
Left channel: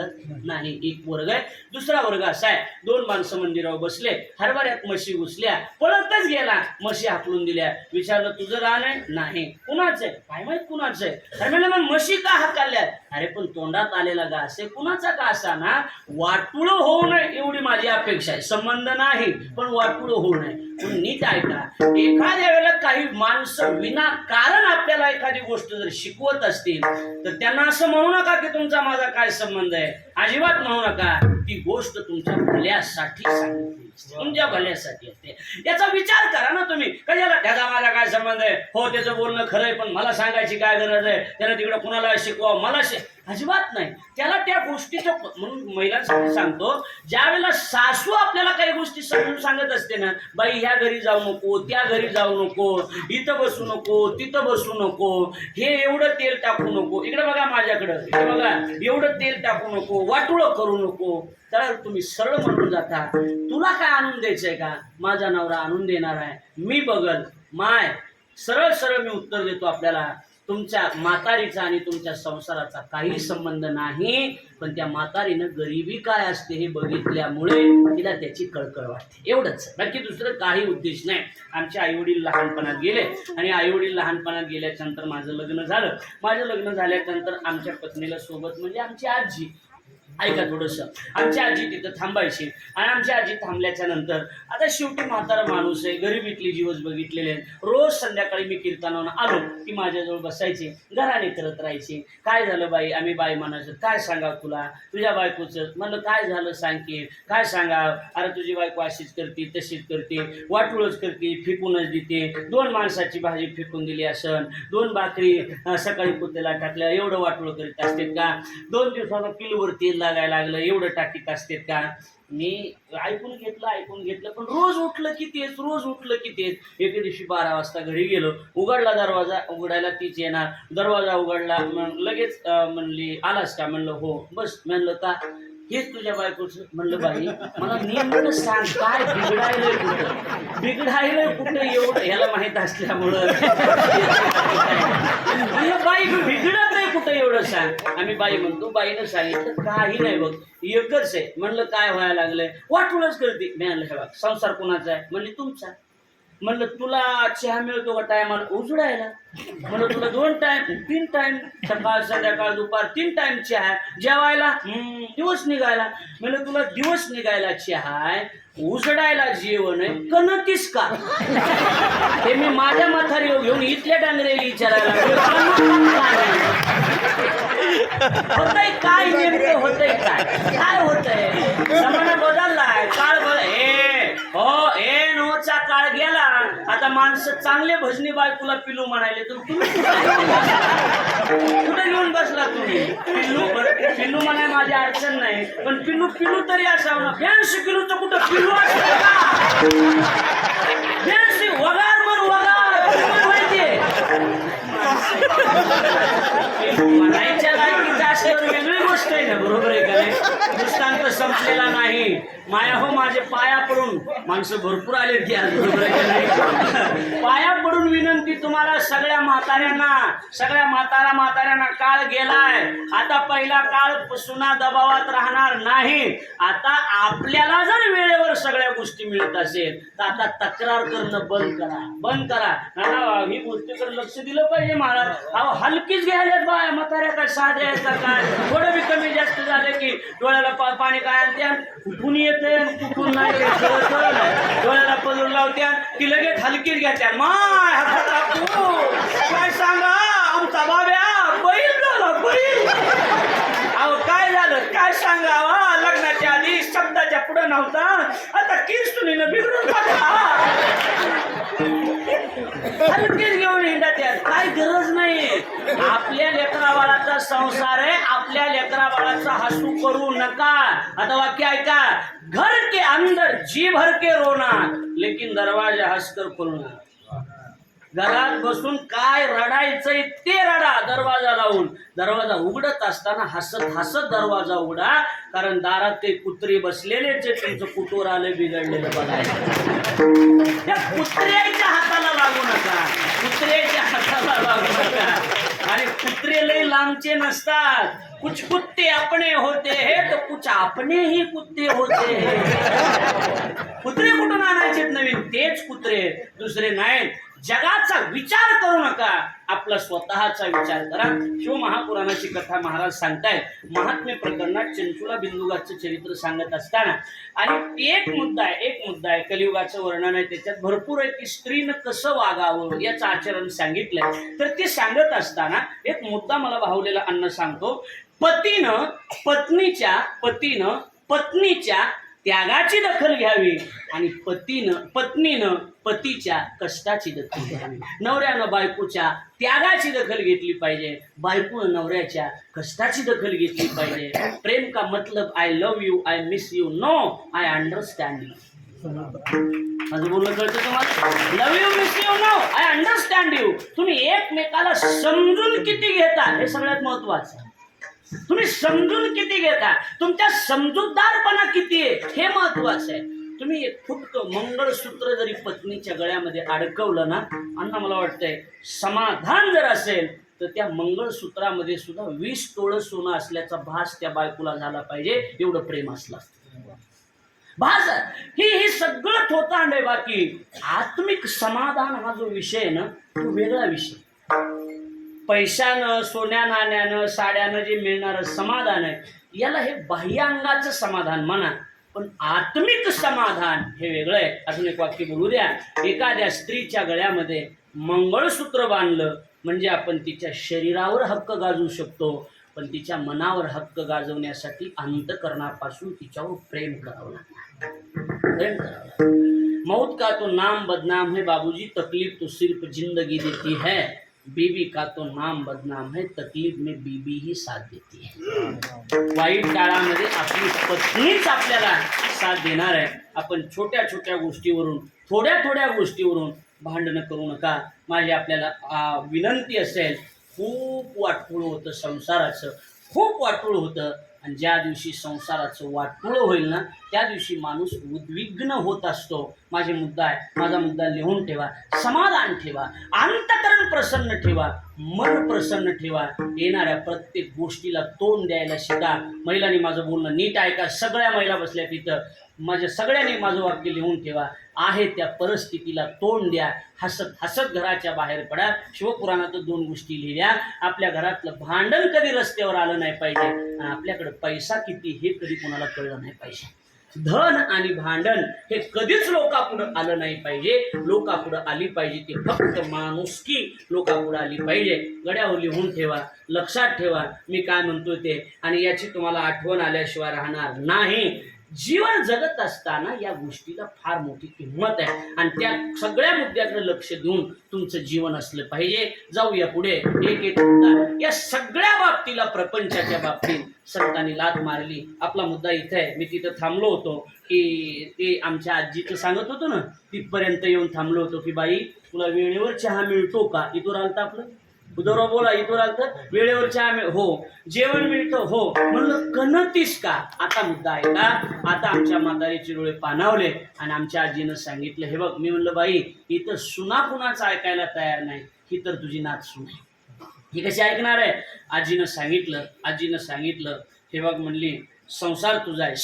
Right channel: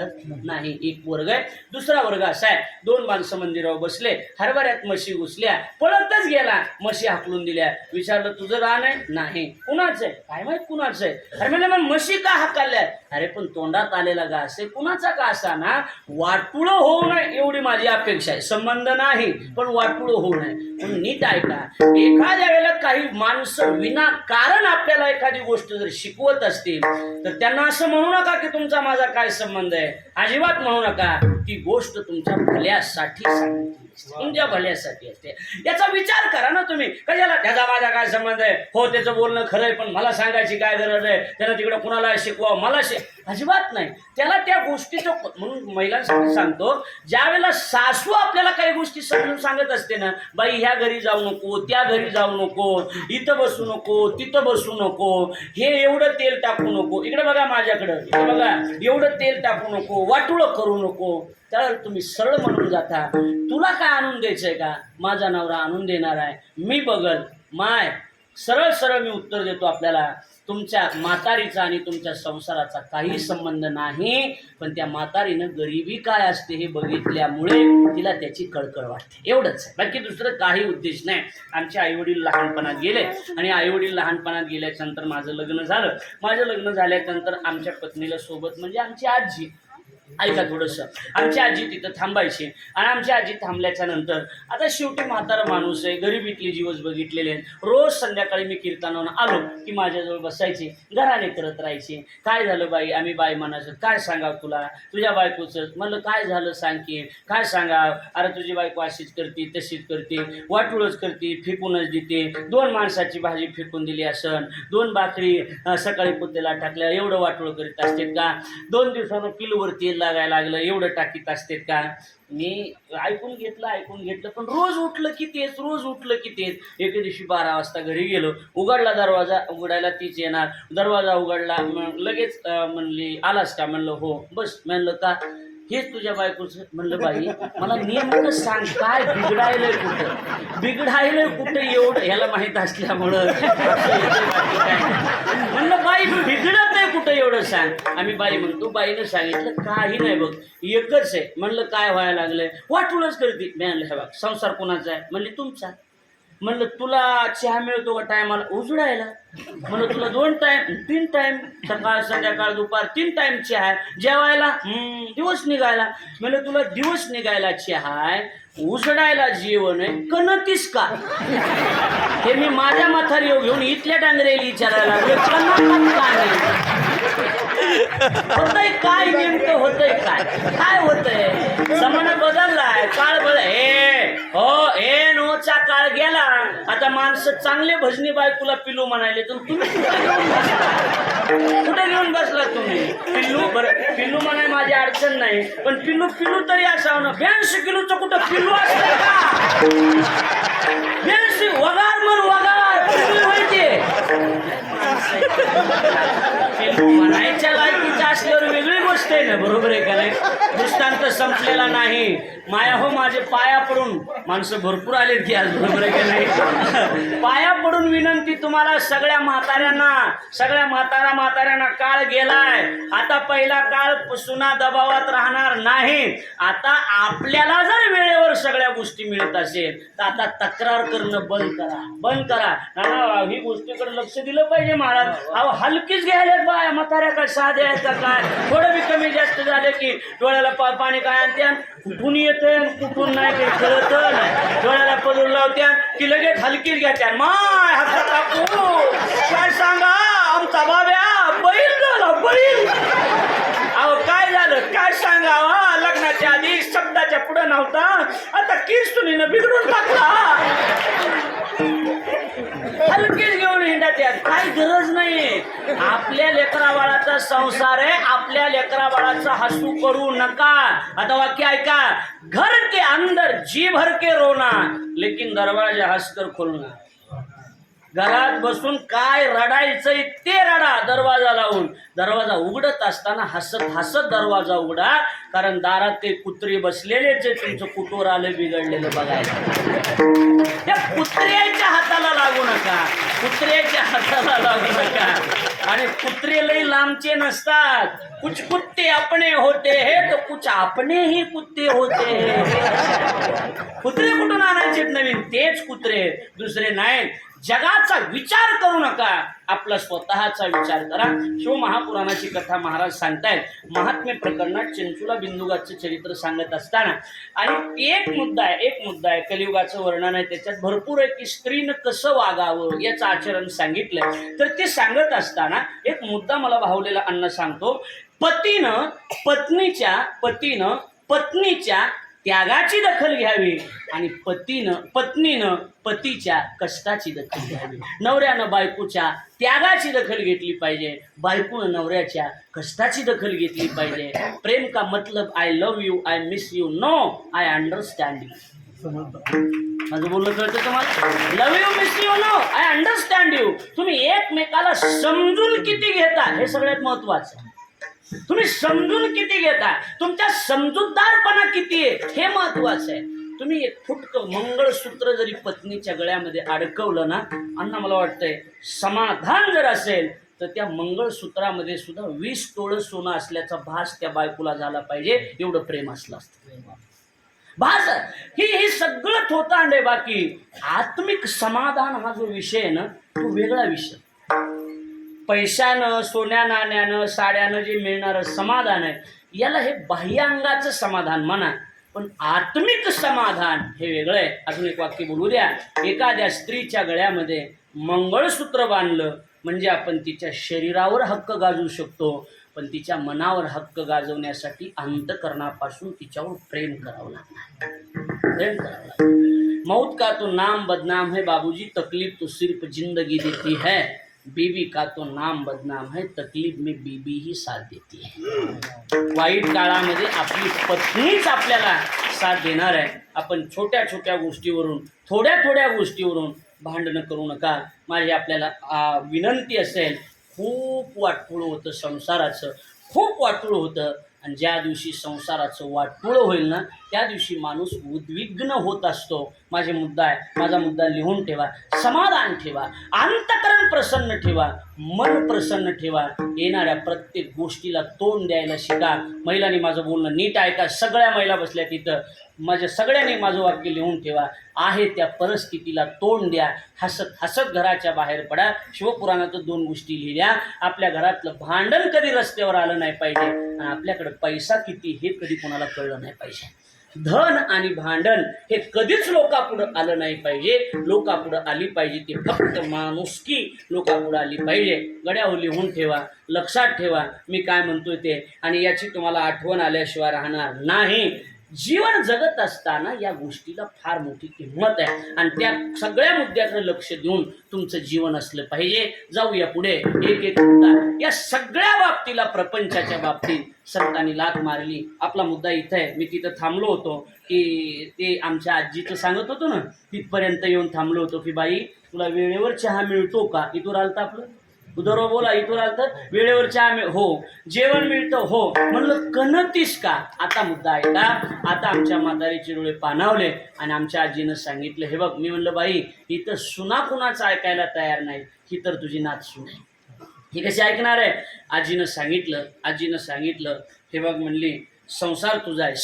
नाही. एक वर्ग आहे. दुसरा वर्ग असा आहे, 2 माणसं मंदिरावर बसले, हरभऱ्यात म्हशी घुसल्या, पळतच गेला, म्हशी हाकलून दिल्या. विचारलं तुझं रान आहे, नाही. कुणाचं आहे, काय माहित कुणाचं आहे. अरे म्हणजे मग म्हशी का हाकलल्या, अरे पण तोंडात आलेला घास आहे, कुणाचा का असा ना, वाटुळं होऊ नये एवढी माझी अपेक्षा आहे. संबंध नाही पण वाटुळं होऊ नये. पण नीट ऐका, एखाद्या वेळेला काही माणसं विनाकारण आपल्याला एखादी गोष्ट जर शिकवत असतील तर त्यांना असं म्हणू नका की तुमचा माझा काय संबंध आहे, अजिबात म्हणू नका. ती गोष्ट तुमच्या भल्यासाठी सांगितली, तुमच्या भल्यासाठी असते. याचा विचार करा ना तुम्ही. कशाला त्याचा माझा काय संबंध आहे, हो त्याचं बोलणं खरं आहे पण मला सांगायची काय गरज आहे, त्याला तिकडे कुणाला शिकवा, मला अजिबात नाही. त्याला त्या गोष्टीचं, म्हणून महिलांसाठी सांगतो, ज्या वेळेला सासू आपल्याला काही गोष्टी समजून सांगत असते ना, बाई ह्या घरी जाऊ नको, त्या घरी जाऊ नको, इथं बसू नको, तिथं बसू नको, हे एवढं तेल टाकू नको, इकडे बघा माझ्याकडं, इकडे बघा, एवढं तेल टाकू नको, वाटुळं करू नको, तर तुम्ही सरळ म्हणून जाता, तुला काय आणून द्यायचंय का, माझा नवरा आणून देणार आहे, मी बघल माय. सरळ सरळ मी उत्तर देतो आपल्याला, तुमच्या म्हातारीचा आणि तुमच्या संसाराचा काही संबंध नाही. पण त्या म्हातारीनं गरिबी काय असते हे बघितल्यामुळे तिला त्याची कळकळ वाटते, एवढंच आहे, बाकी दुसरं काही उद्देश नाही. आमचे आईवडील लहानपणात गेले आणि आईवडील लहानपणात गेल्याच्यानंतर माझं लग्न झालं. माझं लग्न झाल्यानंतर आमच्या पत्नीला सोबत म्हणजे आमची आजी, ऐका थोडंसं, आमची आजी तिथं थांबायची आणि आमची आजी थांबल्याच्या नंतर आता शेवटी म्हातारा माणूस आहे, गरिबीतले दिवस बघितलेले आहेत. रोज संध्याकाळी मी कीर्तनानं आलो की माझ्याजवळ बसायचे, घराणे करत राहायचे. काय झालं बाई, आम्ही बाई म्हणायचं, काय सांगावं तुला, तुझ्या बायकोचं. म्हणलं काय झालं सांग की, काय सांगावं, अरे तुझी बायको अशीच करते, तशीच करते, वाटुळच करते, फेकूनच देते, 2 माणसाची भाजी फेकून दिली असन, 2 भाकरी सकाळी पुतेला टाकल्या, एवढं वाटुळं करीत असते का, 2 दिवसानं किलोवर तेल लागायला लागलं, एवढं टाकीत असते का. मी ऐकून घेतलं पण रोज उठलं की तेच, रोज उठलं की तेच. एके दिवशी 12 वाजता घरी गेलो, उघडला दरवाजा, उघडायला तीच येणार, दरवाजा उघडला, मग लगेच म्हणली आलास का, म्हणलं हो, बस. म्हणलं का, हेच तुझ्या बायकोचं. म्हणलं बाई मला नेमकं सांग, काय बिघडायलंय कुठं एवढं, ह्याला माहीत असल्यामुळं म्हणलं बाई बिघडत नाही कुठं एवढं सांग. आम्ही बाई म्हणतो, बाईनं सांगितलं काही नाही बघ, एकच आहे. म्हणलं काय व्हायला लागलंय, वाटूनच करते. मी म्हणलं हे बघ, संसार कोणाचा आहे, म्हणले तुमचा. म्हणलं तुला चहा मिळतो का टायमाला, उजडायला. म्हणलं तुला 2 टाइम 3 टाइम, सकाळ संध्याकाळ दुपार 3 टाइम चहा आहे, जेवायला दिवस निघायला. म्हणलं तुला दिवस निघायला चहा आहे, उजडायला जेवण आहे, कणतीस का. हे मी माझ्या म्हातारी घेऊन इथल्या डांगरेली विचारायला होतंय काय, नेमकं होतंय काय, काय होतंय. जमाना बदललाय, काळ नोचा काळ गेला. आता माणसं चांगले भजनी बायकोला पिलू म्हणाले, तर तुम्ही कुठे घेऊन बसला तुम्ही. पिल्लू म्हणाय माझी अडचण नाही, पण पिल्लू तरी असावं ना. 82 किलोचं कुठं पिल्लू असतं, 82 वगार मग वगार माहितीये. म्हणायच्या लायकीचं असल्यावर वेगळी गोष्ट आहे ना, बरोबर आहे का नाही. दृष्टांत संपलेला नाही. माया हो माझे पाया पडून, माणसं भरपूर आले की आज, बरोबर आहे का नाही. पाया पडून विनंती तुम्हाला सगळ्या म्हाताऱ्यांना, काळ गेलाय. आता पहिला काळ सुना दबावात राहणार नाही. आता आपल्याला जर वेळेवर सगळ्या गोष्टी मिळत असेल तर आता तक्रार करणं बंद करा. ही गोष्टीकडे लक्ष दिलं पाहिजे महाराज. अहो हलकीच घ्यायला बाया म्हाताऱ्या काय साध्या यायचा काय, थोडं बी कमी जास्त झालं की डोळ्याला पाणी काय आणते, कुठून येते कुठून नाही काही कळत नाही. डोळ्याला पदर लावत्या की लगेच हलकीच घ्यात्या. माय काय सांगा, आमचा बाब्या बैल झाला बैल. अहो काय झालं काय सांगा, लग्नाच्या आधी शब्दाच्या पुढे नव्हता, आता केस तुम्ही न बिघडून टाकला. केस घेऊन हिंडा त्यात काही गरज नाही. आपल्या लेकरा बाळाचा संसार आहे, आपल्या लेकरा बाळाचा हसू करू नका. आता वाक्य ऐका, घर के अंदर जी भर के रोना लेकिन दरवाजा हंसकर खोलना. घरात बसून काय रडायचंय ते रडा, दरवाजा लावून. दरवाजा उघडत असताना हसत हसत दरवाजा उघडा, कारण दारात ते कुत्री बसलेलेच आहे, तुमचं कुटोर आलं बिघडलेलं बघायला. त्या कुत्र्याच्या हाताला लागू नका, कुत्र्याच्या हाताला लागू नका. आणि कुत्रे लई लांबचे नसतात. कुछ कुत्ते अपने होते हैं तो कुछ अपने ही कुत्ते होते हैं. कुत्रे कुठून आणायचे नवीन? तेच कुत्रे, दुसरे नाहीत. जगाचा विचार करू नका, आपला स्वतःचा विचार करा. शिवमहापुराणाची कथा महाराज सांगतायत. महात्म्य प्रकरणात चंचुला बिंदुगाचं चरित्र सांगत असताना आणि एक मुद्दा आहे कलियुगाचं वर्णन आहे, त्याच्यात भरपूर आहे की स्त्रीनं कसं वागावं याचं आचरण सांगितलंय. तर ते सांगत असताना एक मुद्दा मला भावलेला अन्न सांगतो. पतीनं पत्नीच्या त्यागाची दखल घ्यावी आणि पत्नीनं पतीच्या कष्टाची दखल घ्यावी. नवऱ्यानं बायकोच्या त्यागाची दखल घेतली पाहिजे, बायकोनं नवऱ्याच्या कष्टाची दखल घेतली पाहिजे. प्रेम का मतलब I love you, I miss you, no I understand you. माझं बोलणं कळतं तुम्हाला? Love you, miss you, no I understand you. तुम्ही एकमेकाला समजून किती घेता हे सगळ्यात महत्वाचं आहे. तुम्ही समजून किती घेता, तुमच्या समजूतदारपणा किती आहे हे महत्वाचं आहे. तुम्ही एक फुटकं मंगळसूत्र जरी पत्नीच्या गळ्यामध्ये अडकवलं ना, अण्णा मला वाटतंय समाधान जर असेल तर त्या मंगळसूत्रामध्ये सुद्धा 20 तोळं सोनं असल्याचा भास त्या बायकोला झाला पाहिजे, एवढं प्रेम असलं असतं. भास ही सगळं थोतांड आहे. बाकी आत्मिक समाधान हा जो विषय आहे ना, तो वेगळा विषय. पैशानं, सोन्या नाण्यानं, साड्यानं जे मिळणारं समाधान आहे, याला हे बाह्यांगाचं समाधान म्हणा, पण आत्मिक समाधान हे वेगळं आहे. अजून एक वाक्य बोलू द्या. एखाद्या स्त्रीच्या गळ्यामध्ये मंगळसूत्र बांधलं म्हणजे आपण तिच्या शरीरावर हक्क गाजवू शकतो, पण तिच्या मनावर हक्क गाजवण्यासाठी अंतःकरणापासून तिच्यावर प्रेम करावं लागणार. प्रेम करावं लागणार. मौत का तो नाम बदनाम है बाबूजी, तकलीफ तो सिर्फ जिंदगी देती है. बीवी का तो नाम बदनाम है, तकलीफ में बीबी ही साथ देती है. वाईट काळामध्ये आपली पत्नीच आपल्याला साथ देणार आहे. आपण छोट्या छोट्या गोष्टीवरून, थोड्या गोष्टीवरून भांडणं करू नका. माझी आपल्याला विनंती असेल. खूप वाटपुळं होतं संसाराचं, खूप वाटपुळं होतं. आणि ज्या दिवशी संसाराचं वाटपुळं होईल ना, त्या दिवशी माणूस उद्विग्न होत असतो. माझा मुद्दा लिहून ठेवा. समाधान ठेवा, अंतःकरण प्रसन्न ठेवा, मन प्रसन्न ठेवा. येणाऱ्या प्रत्येक गोष्टीला तोंड द्यायला शिका. महिलांनी माझं बोलणं नीट ऐका. सगळ्या महिला बसल्या तिथं. सगळ्यांनी माझं वाक्य लिहून ठेवा. आहे त्या परिस्थितीला तोंड द्या. हसत हसत घराच्या बाहेर पडा. शिवपुराणात 2 गोष्टी लिहिल्या. आपल्या घरातलं भांडण कधी रस्त्यावर आलं नाही पाहिजे, आणि आपल्याकडे पैसा किती हे कधी कोणाला कळलं नाही पाहिजे. धन आणि भांडण हे कधीच लोकापुढं आलं नाही पाहिजे. लोकापुढं आली पाहिजे ते फक्त माणुसकी लोकापुढं आली पाहिजे. गड्यावर लिहून ठेवा, लक्षात ठेवा मी काय म्हणतोय ते, आणि याची तुम्हाला आठवण आल्याशिवाय राहणार नाही. जीवन जगत असताना या गोष्टीला फार मोठी किंमत आहे, आणि त्या सगळ्या मुद्द्याकडे लक्ष देऊन तुमचं जीवन असलं पाहिजे. जाऊया पुढे. एक मुद्दा या सगळ्या बाबतीला, प्रपंचाच्या बाबतीत संतांनी लाथ मारली. आपला मुद्दा इथं आहे. मी तिथं थांबलो होतो की ते आमच्या आजीचं सांगत होतो ना, तिथपर्यंत येऊन थांबलो होतो की बाई तुला वेळेवर चहा मिळतो का? इथून आलता आपलं उदरवा बोला. इथून आलतं वेळेवर चहा हो. जेवण मिळतं हो. म्हणलं कणतीस का? आता मुद्दा आहे का? आता आमच्या म्हातारीचे डोळे पाणावले आणि आमच्या आजीनं सांगितलं, हे बघ. मी म्हणलं बाई इथं सुना कुणाचं ऐकायला तयार नाही, ही तर तुझी नात सून आहे, ही कशी ऐकणार आहे? आजीनं सांगितलं हे बघ म्हणली, संसार तुझा आहे,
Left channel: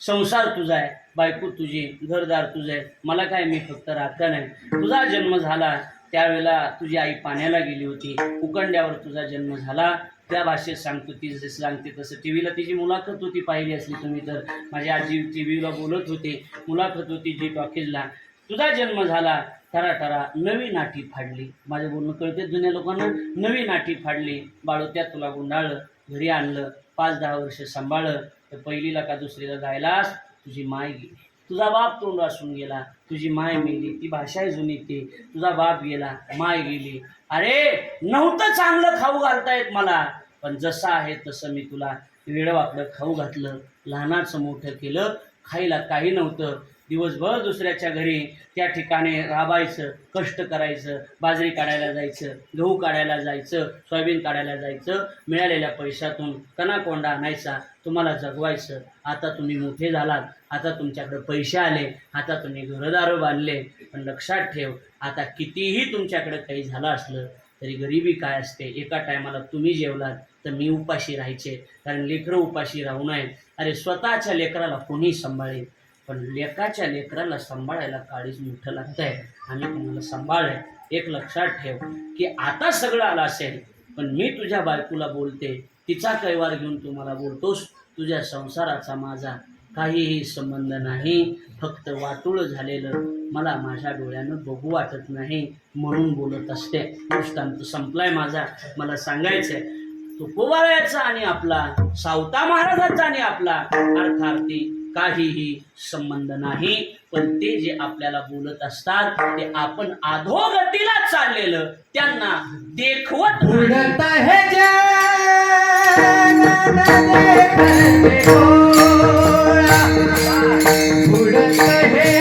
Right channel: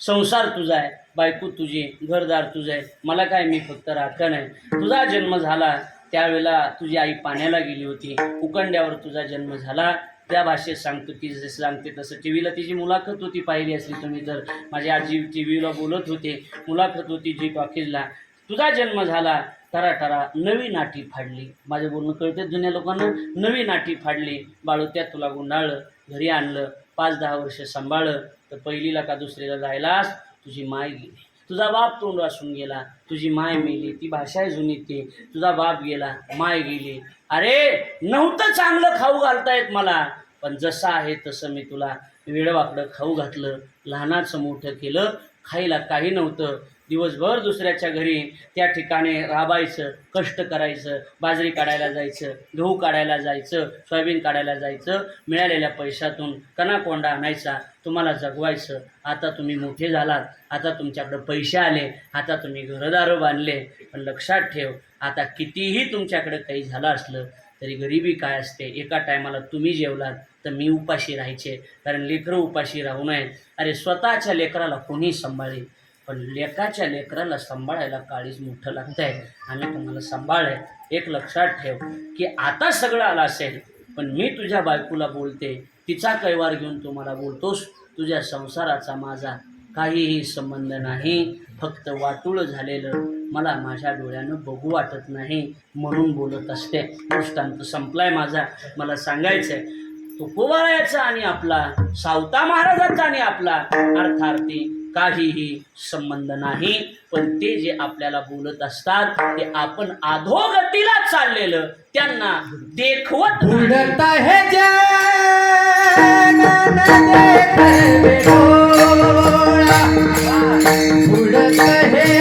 संसार तुझा आहे, बायको तुझी, घरदार तुझं आहे, मला काय, मी फक्त राखण आहे. तुझा जन्म झाला त्यावेळेला तुझी आई पाण्याला गेली होती, उकंड्यावर तुझा जन्म झाला. त्या भाषेत सांगतो ती जसं सांगते तसं. टी व्हीला तिची मुलाखत होती, पाहिली असली तुम्ही तर. माझी आजी टी व्हीला बोलत होते, मुलाखत होती जी टॉकीजला. तुझा जन्म झाला, टरा नवी नाठी फाडली. माझं बोलणं कळतं जुन्या लोकांना. नवी नाठी फाडली, बाळोत्यात तुला गुंडाळलं, घरी आणलं, 5-10 वर्ष सांभाळलं, तर तर पहिलीला का दुसरीला जायलास तुझी माय गेली, तुझा बाप तोंड वासून गेला, तुझी माय मेली, ती भाषा आहे जुनी ती, तुझा बाप गेला माय गेली. अरे नव्हतं चांगलं खाऊ घालता येत मला, पण जसं आहे तसं मी तुला वेडवाकडं खाऊ घातलं, लहानाचं मोठं केलं. खायला काही नव्हतं, दिवसभर दुसऱ्याच्या घरी त्या ठिकाणी राबायचं, कष्ट करायचं, बाजरी काढायला जायचं, गहू काढायला जायचं, सोयाबीन काढायला जायचं, मिळालेल्या पैशातून कणाकोंडा आणायचा, तुम्हाला जगवायचं. आता तुम्ही मोठे झालात, आता तुमच्याकडं पैसे आले, आता तुम्ही घरदारं बांधले, पण लक्षात ठेव, आता कितीही तुमच्याकडं काही झालं असलं तरी गरिबी काय असते, एका टायमाला तुम्ही जेवलात तर मी उपाशी राहायचे, कारण लेकरं उपाशी राहू नये. अरे स्वतःच्या लेकराला कोणी सांभाळेल, पण लेकाच्या लेकराला सांभाळायला काळीच मोठं लागतं आहे. आम्ही तुम्हाला सांभाळलं. एक लक्षात ठेव की आता सगळं आलं असेल, पण मी तुझ्या बायकोला बोलते, तिचा कैवार घेऊन तुम्हाला बोलतोस, तुझ्या संसाराचा माझा काहीही संबंध नाही, फक्त वाटूळ झालेलं मला माझ्या डोळ्यानं बघू वाटत नाही म्हणून बोलत असते. दृष्टांत संपलाय माझा. मला सांगायचंय तुकोबारायाचा आणि आपला, सावता महाराजांचा आणि आपला अर्थार्थी काहीही संबंध नाही, पण ते जे आपल्याला बोलत असतात ते आपण अधोगतीला चाललेलं त्यांना देखवत उडत है उडत है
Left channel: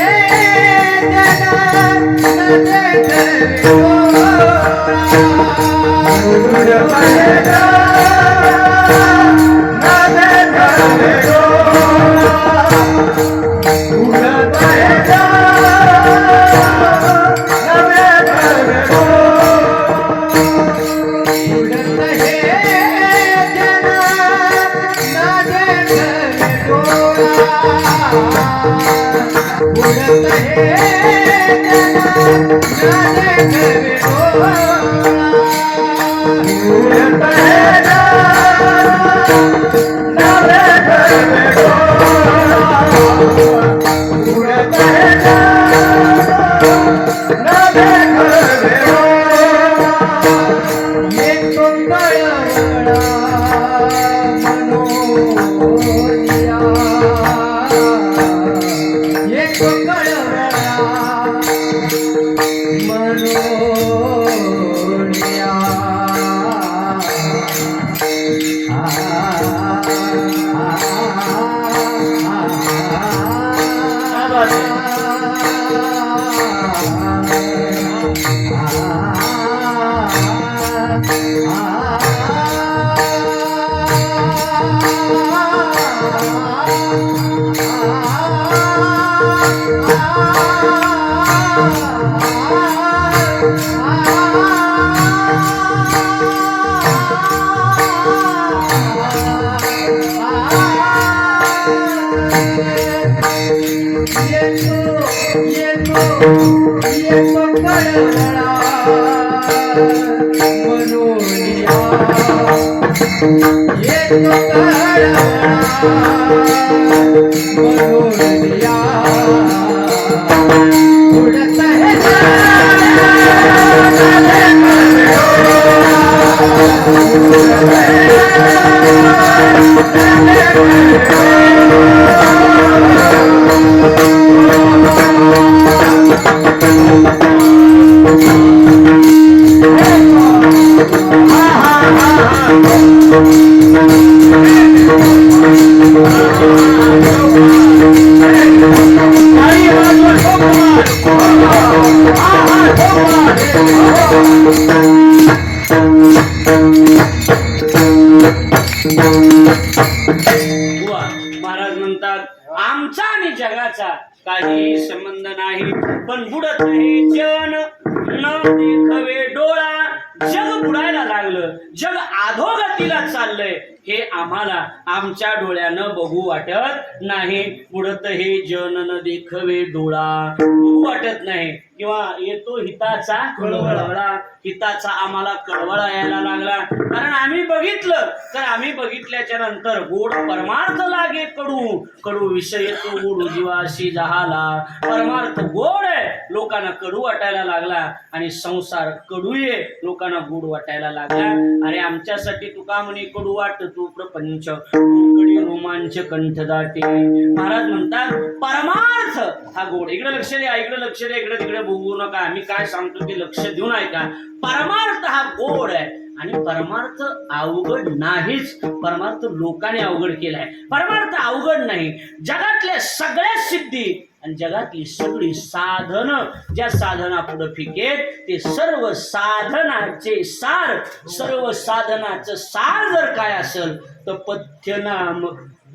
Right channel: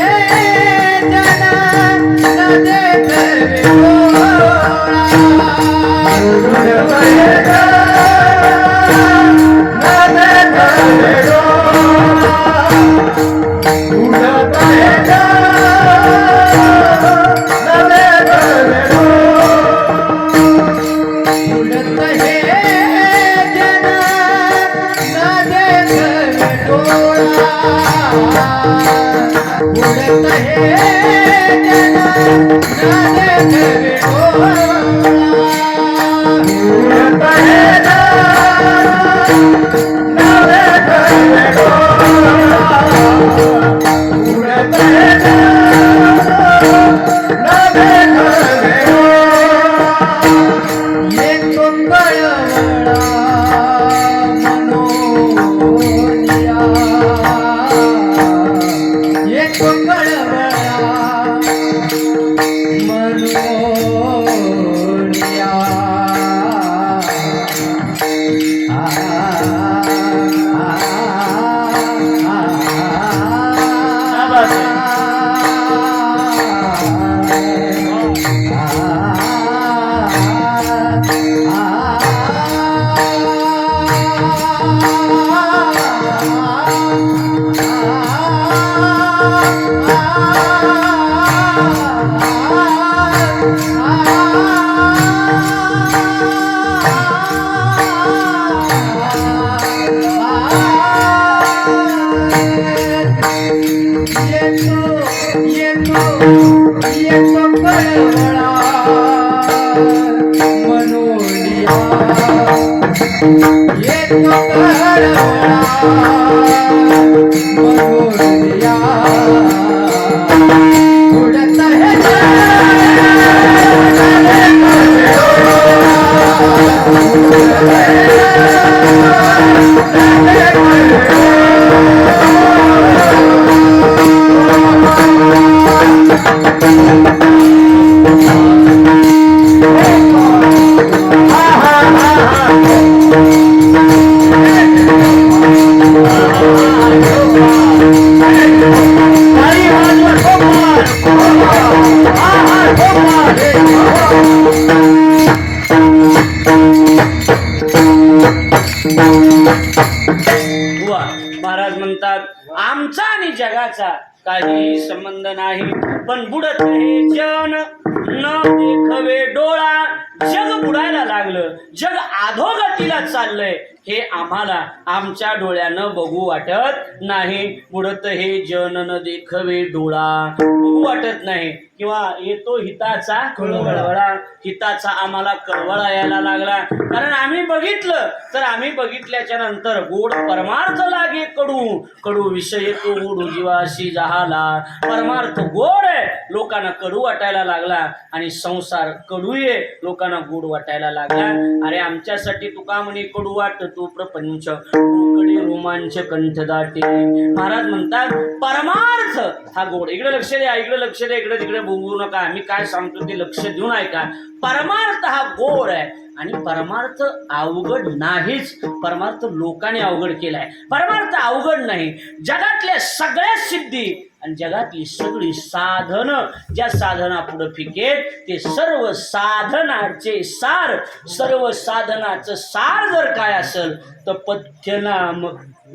महाराज म्हणतात आमचा आणि जगाचा काही संबंध नाही, पण बुडत नाही जन न देखवे डोळा. जग बुडायला लागलं, जग अधोगतीला चाललंय, हे आम्हाला आमच्या डोळ्यानं बघू वाटत नाही. बुडत हे जन न देखवे डोळा, बघू वाटत नाही. किंवा येतो हिताचा कळवळा, हिताचा आम्हाला कळवळा यायला लागला, कारण आम्ही बघितलं, तर आम्ही बघितल्याच्या नंतर गोड परमार्थ लागे कडू, कडू विषय तो गोड जीवाशी जहाला. परमार्थ गोड आहे लोकांना कडू वाटायला लागला आणि संसार कडूये लोकांना गोड वाटायला लागला. अरे आमच्यासाठी तुका म्हणे कडू वाटतो प्रपंच, कडे रोमांच कंठ दाटे. महाराज म्हणतात परमार्थ हा गोड. इकडे लक्ष द्या, इकडे लक्ष द्या, इकडे तिकडे बोलू नका. मी काय सांगतो ते लक्ष देऊन ऐका. परमार्थ हा गोड आहे आणि परमार्थ अवघड नाहीच. परमार्थ लोकांनी अवघड केलाय. परमार्थ अवघड नाही. जगातल्या सगळ्या सिद्धी आणि जगातली सगळी साधन ज्या साधना पुढे फिकेल ते सर्व साधनाचे सार, सर्व साधनाचं सार जर काय असेल तर पथ्यनाम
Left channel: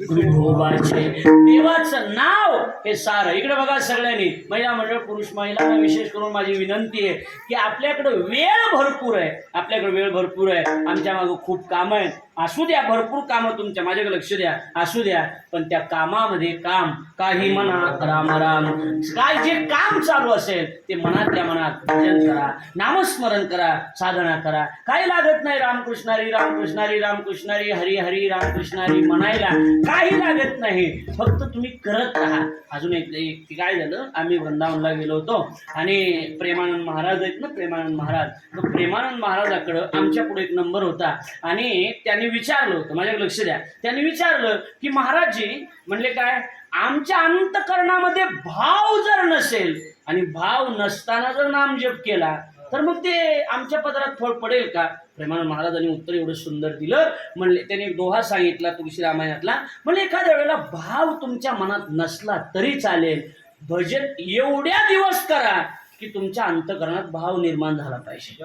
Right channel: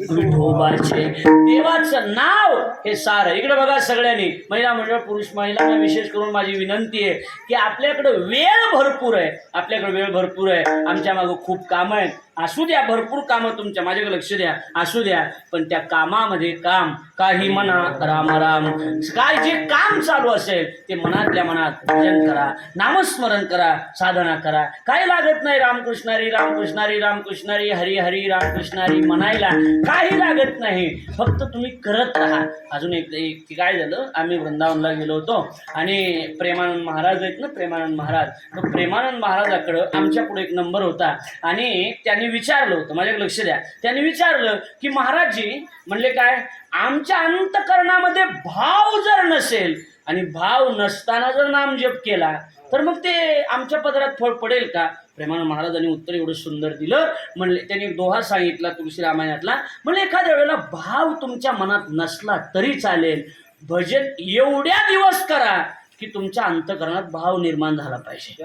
विठोबाचे, देवाचं नाव हे सार. इकडे बघा सगळ्यांनी, महिला मंडळ पुरुष महिलांना विशेष करून माझी विनंती आहे की आपल्याकडे वेळ भरपूर आहे, आपल्याकडे वेळ भरपूर आहे. आमच्या मागं खूप कामं आहेत. असू द्या, भरपूर कामं तुमच्या, माझ्याकडे लक्ष द्या, असू द्या. पण त्या कामामध्ये काम काही म्हणा राम राम, काय जे काम चालू असेल ते मनातल्या मनात भजन करा, नामस्मरण करा, साधना करा. काही लागत नाही. रामकृष्णारी रामकृष्णारी रामकृष्णारी हरी हरी रामकृष्णारी म्हणायला काही लागत नाही. फक्त तुम्ही करत राहा. अजून एक काय झालं, आम्ही वृंदावनला गेलो होतो आणि प्रेमानंद महाराज आहेत ना, प्रेमानंद महाराज, तर प्रेमानंद महाराजाकडं आमच्या पुढे एक नंबर होता आणि त्यांनी विचारलं होतं, माझ्याकडे लक्ष द्या, त्यांनी विचारलं की महाराजजी म्हणले काय, आमच्या अंतकरणामध्ये भाव जर नसेल आणि भाव नसताना जर नामजप केला तर मग ते आमच्या पदरात फळ पडेल का? प्रेमानंद महाराजांनी उत्तर एवढं सुंदर दिलं. म्हणले त्यांनी एक दोहा सांगितला तुळशी रामायणातला. म्हणजे एखाद्या वेळेला भाव तुमच्या मनात नसला तरी चालेल, भजन एवढ्या दिवस करा की तुमच्या अंतकरणात भाव निर्माण झाला पाहिजे.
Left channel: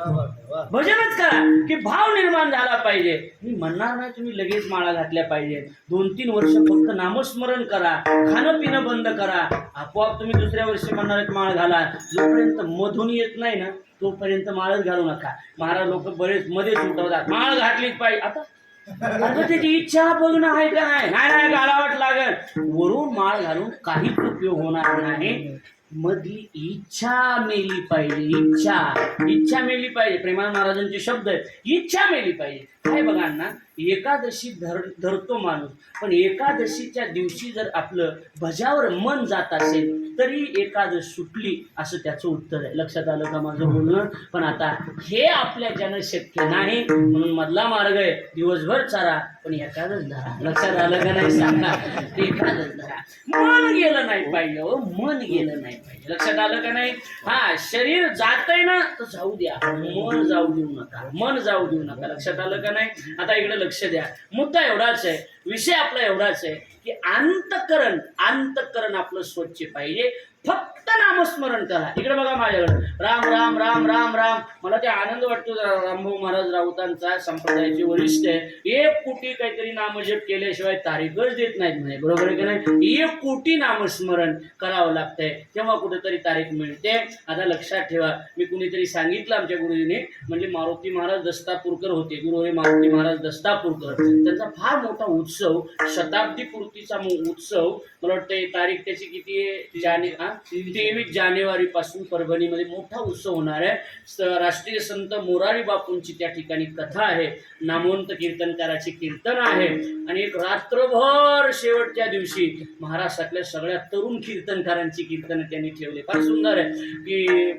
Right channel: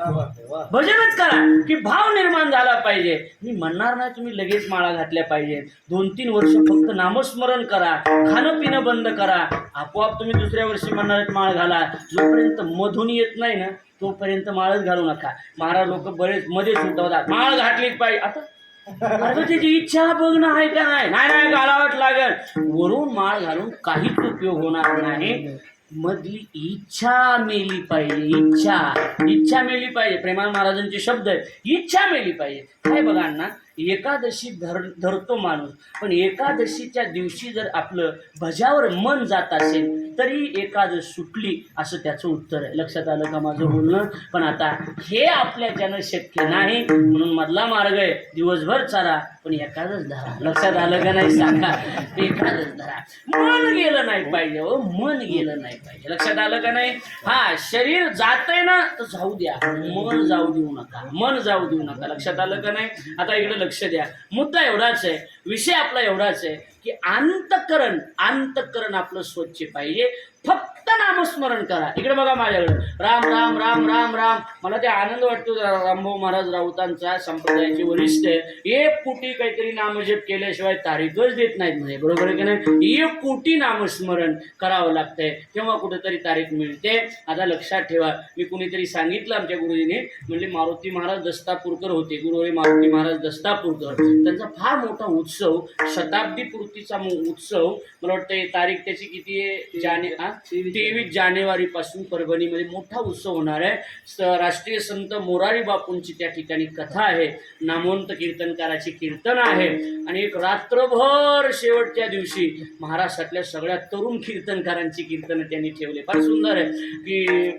भजनच करा की भाव निर्माण झाला पाहिजे. मी म्हणणार नाही तुम्ही लगेच माळा घातल्या पाहिजे. 2-3 वर्ष फक्त नामस्मरण करा, खाणं पिणं बंद करा, आपोआप तुम्ही दुसऱ्या वर्षी म्हणणार आहेत माळ घाला. जोपर्यंत मधून येत नाही ना तोपर्यंत माळच घालू नका. महाराज लोक बरेच मध्येच उठवतात, माळ घातलीच पाहिजे. आता त्याची इच्छा बघणं आहे का नाही, नाही घालावंच लागेल. वरून माळ घालून काहीच उपयोग होणार नाही. मधली इच्छा मेली पाहिजे. इच्छा मेली पाहिजे. प्रेमानंद महाराजांचे शब्द आहेत, इच्छा मेली पाहिजे. काय बघा ना, एकादशी धरतो माणूस, पण एकादशीच्या दिवशी जर आपलं भजावर मन जात असेल तरी एकादश सुटली असं त्याचं उत्तर आहे. लक्षात आलं का माझं बोलणं? पण आता हे आपल्याच्यानं शक्य नाही, म्हणून मधला मार्ग आहे, दिवसभर चारा पण एकादश धरा. लक्षात आलं का नाही सांगा? एकादश धरा. मन गेलं नाही पाहिजे, मन गेलं नाही पाहिजे. लक्षात आलं का नाही? हा, शरीर जातंय ना तर जाऊ द्या, मन जाऊ देऊ नका, मन जाऊ देऊ नका. लक्षात आलं का नाही? आता इकडे लक्ष द्या. मुद्दा एवढाच आहे, विषय आपला एवढाच आहे की अंतकरण आपलं स्वच्छ पाहिजे. फक्त नामस्मरण करा. इकडे बघा माझ्याकडे, राम राम राम राम राम. मला ते आनंद वाटतो रामभाऊ महाराज राऊतांचा, संप्रदायाचे वरिष्ठ आहे. 1 कोटी काहीतरी नामजप केल्याशिवाय तारीखच देत नाहीत म्हणे. बरोबर आहे का नाही? 1 कोटी नामस्मरण करावं लागतंय तेव्हा कुठेतरी तारीख मिळते. आता लक्षात ठेवा, मी कुणीतरी सांगितलं आमच्या गुरुजीने, म्हणजे मारुती महाराज दस्तापूरकर होते, गुरुहरी मारुती महाराज दस्तापूरकर. त्यांचा फार मोठा उत्सव, शताब्दी पूर्तीचा उत्सव, मला वाटतं तारीख त्याची किती आहे, 23 जानेवारी पासून परभणीमध्ये मोठा उत्सव होणार आहे. राष्ट्रीय संत मोरारी बापूंची त्या ठिकाणी कथा आहे, नामवंत कीर्तनकाराची कीर्तन आहे आणि एक रात्रभर शेवटच्या दिवशी महाराष्ट्रातल्या सगळ्या तरुण कीर्तनकारांची कीर्तन त्यांनी ठेवले. फार सुंदर आहे की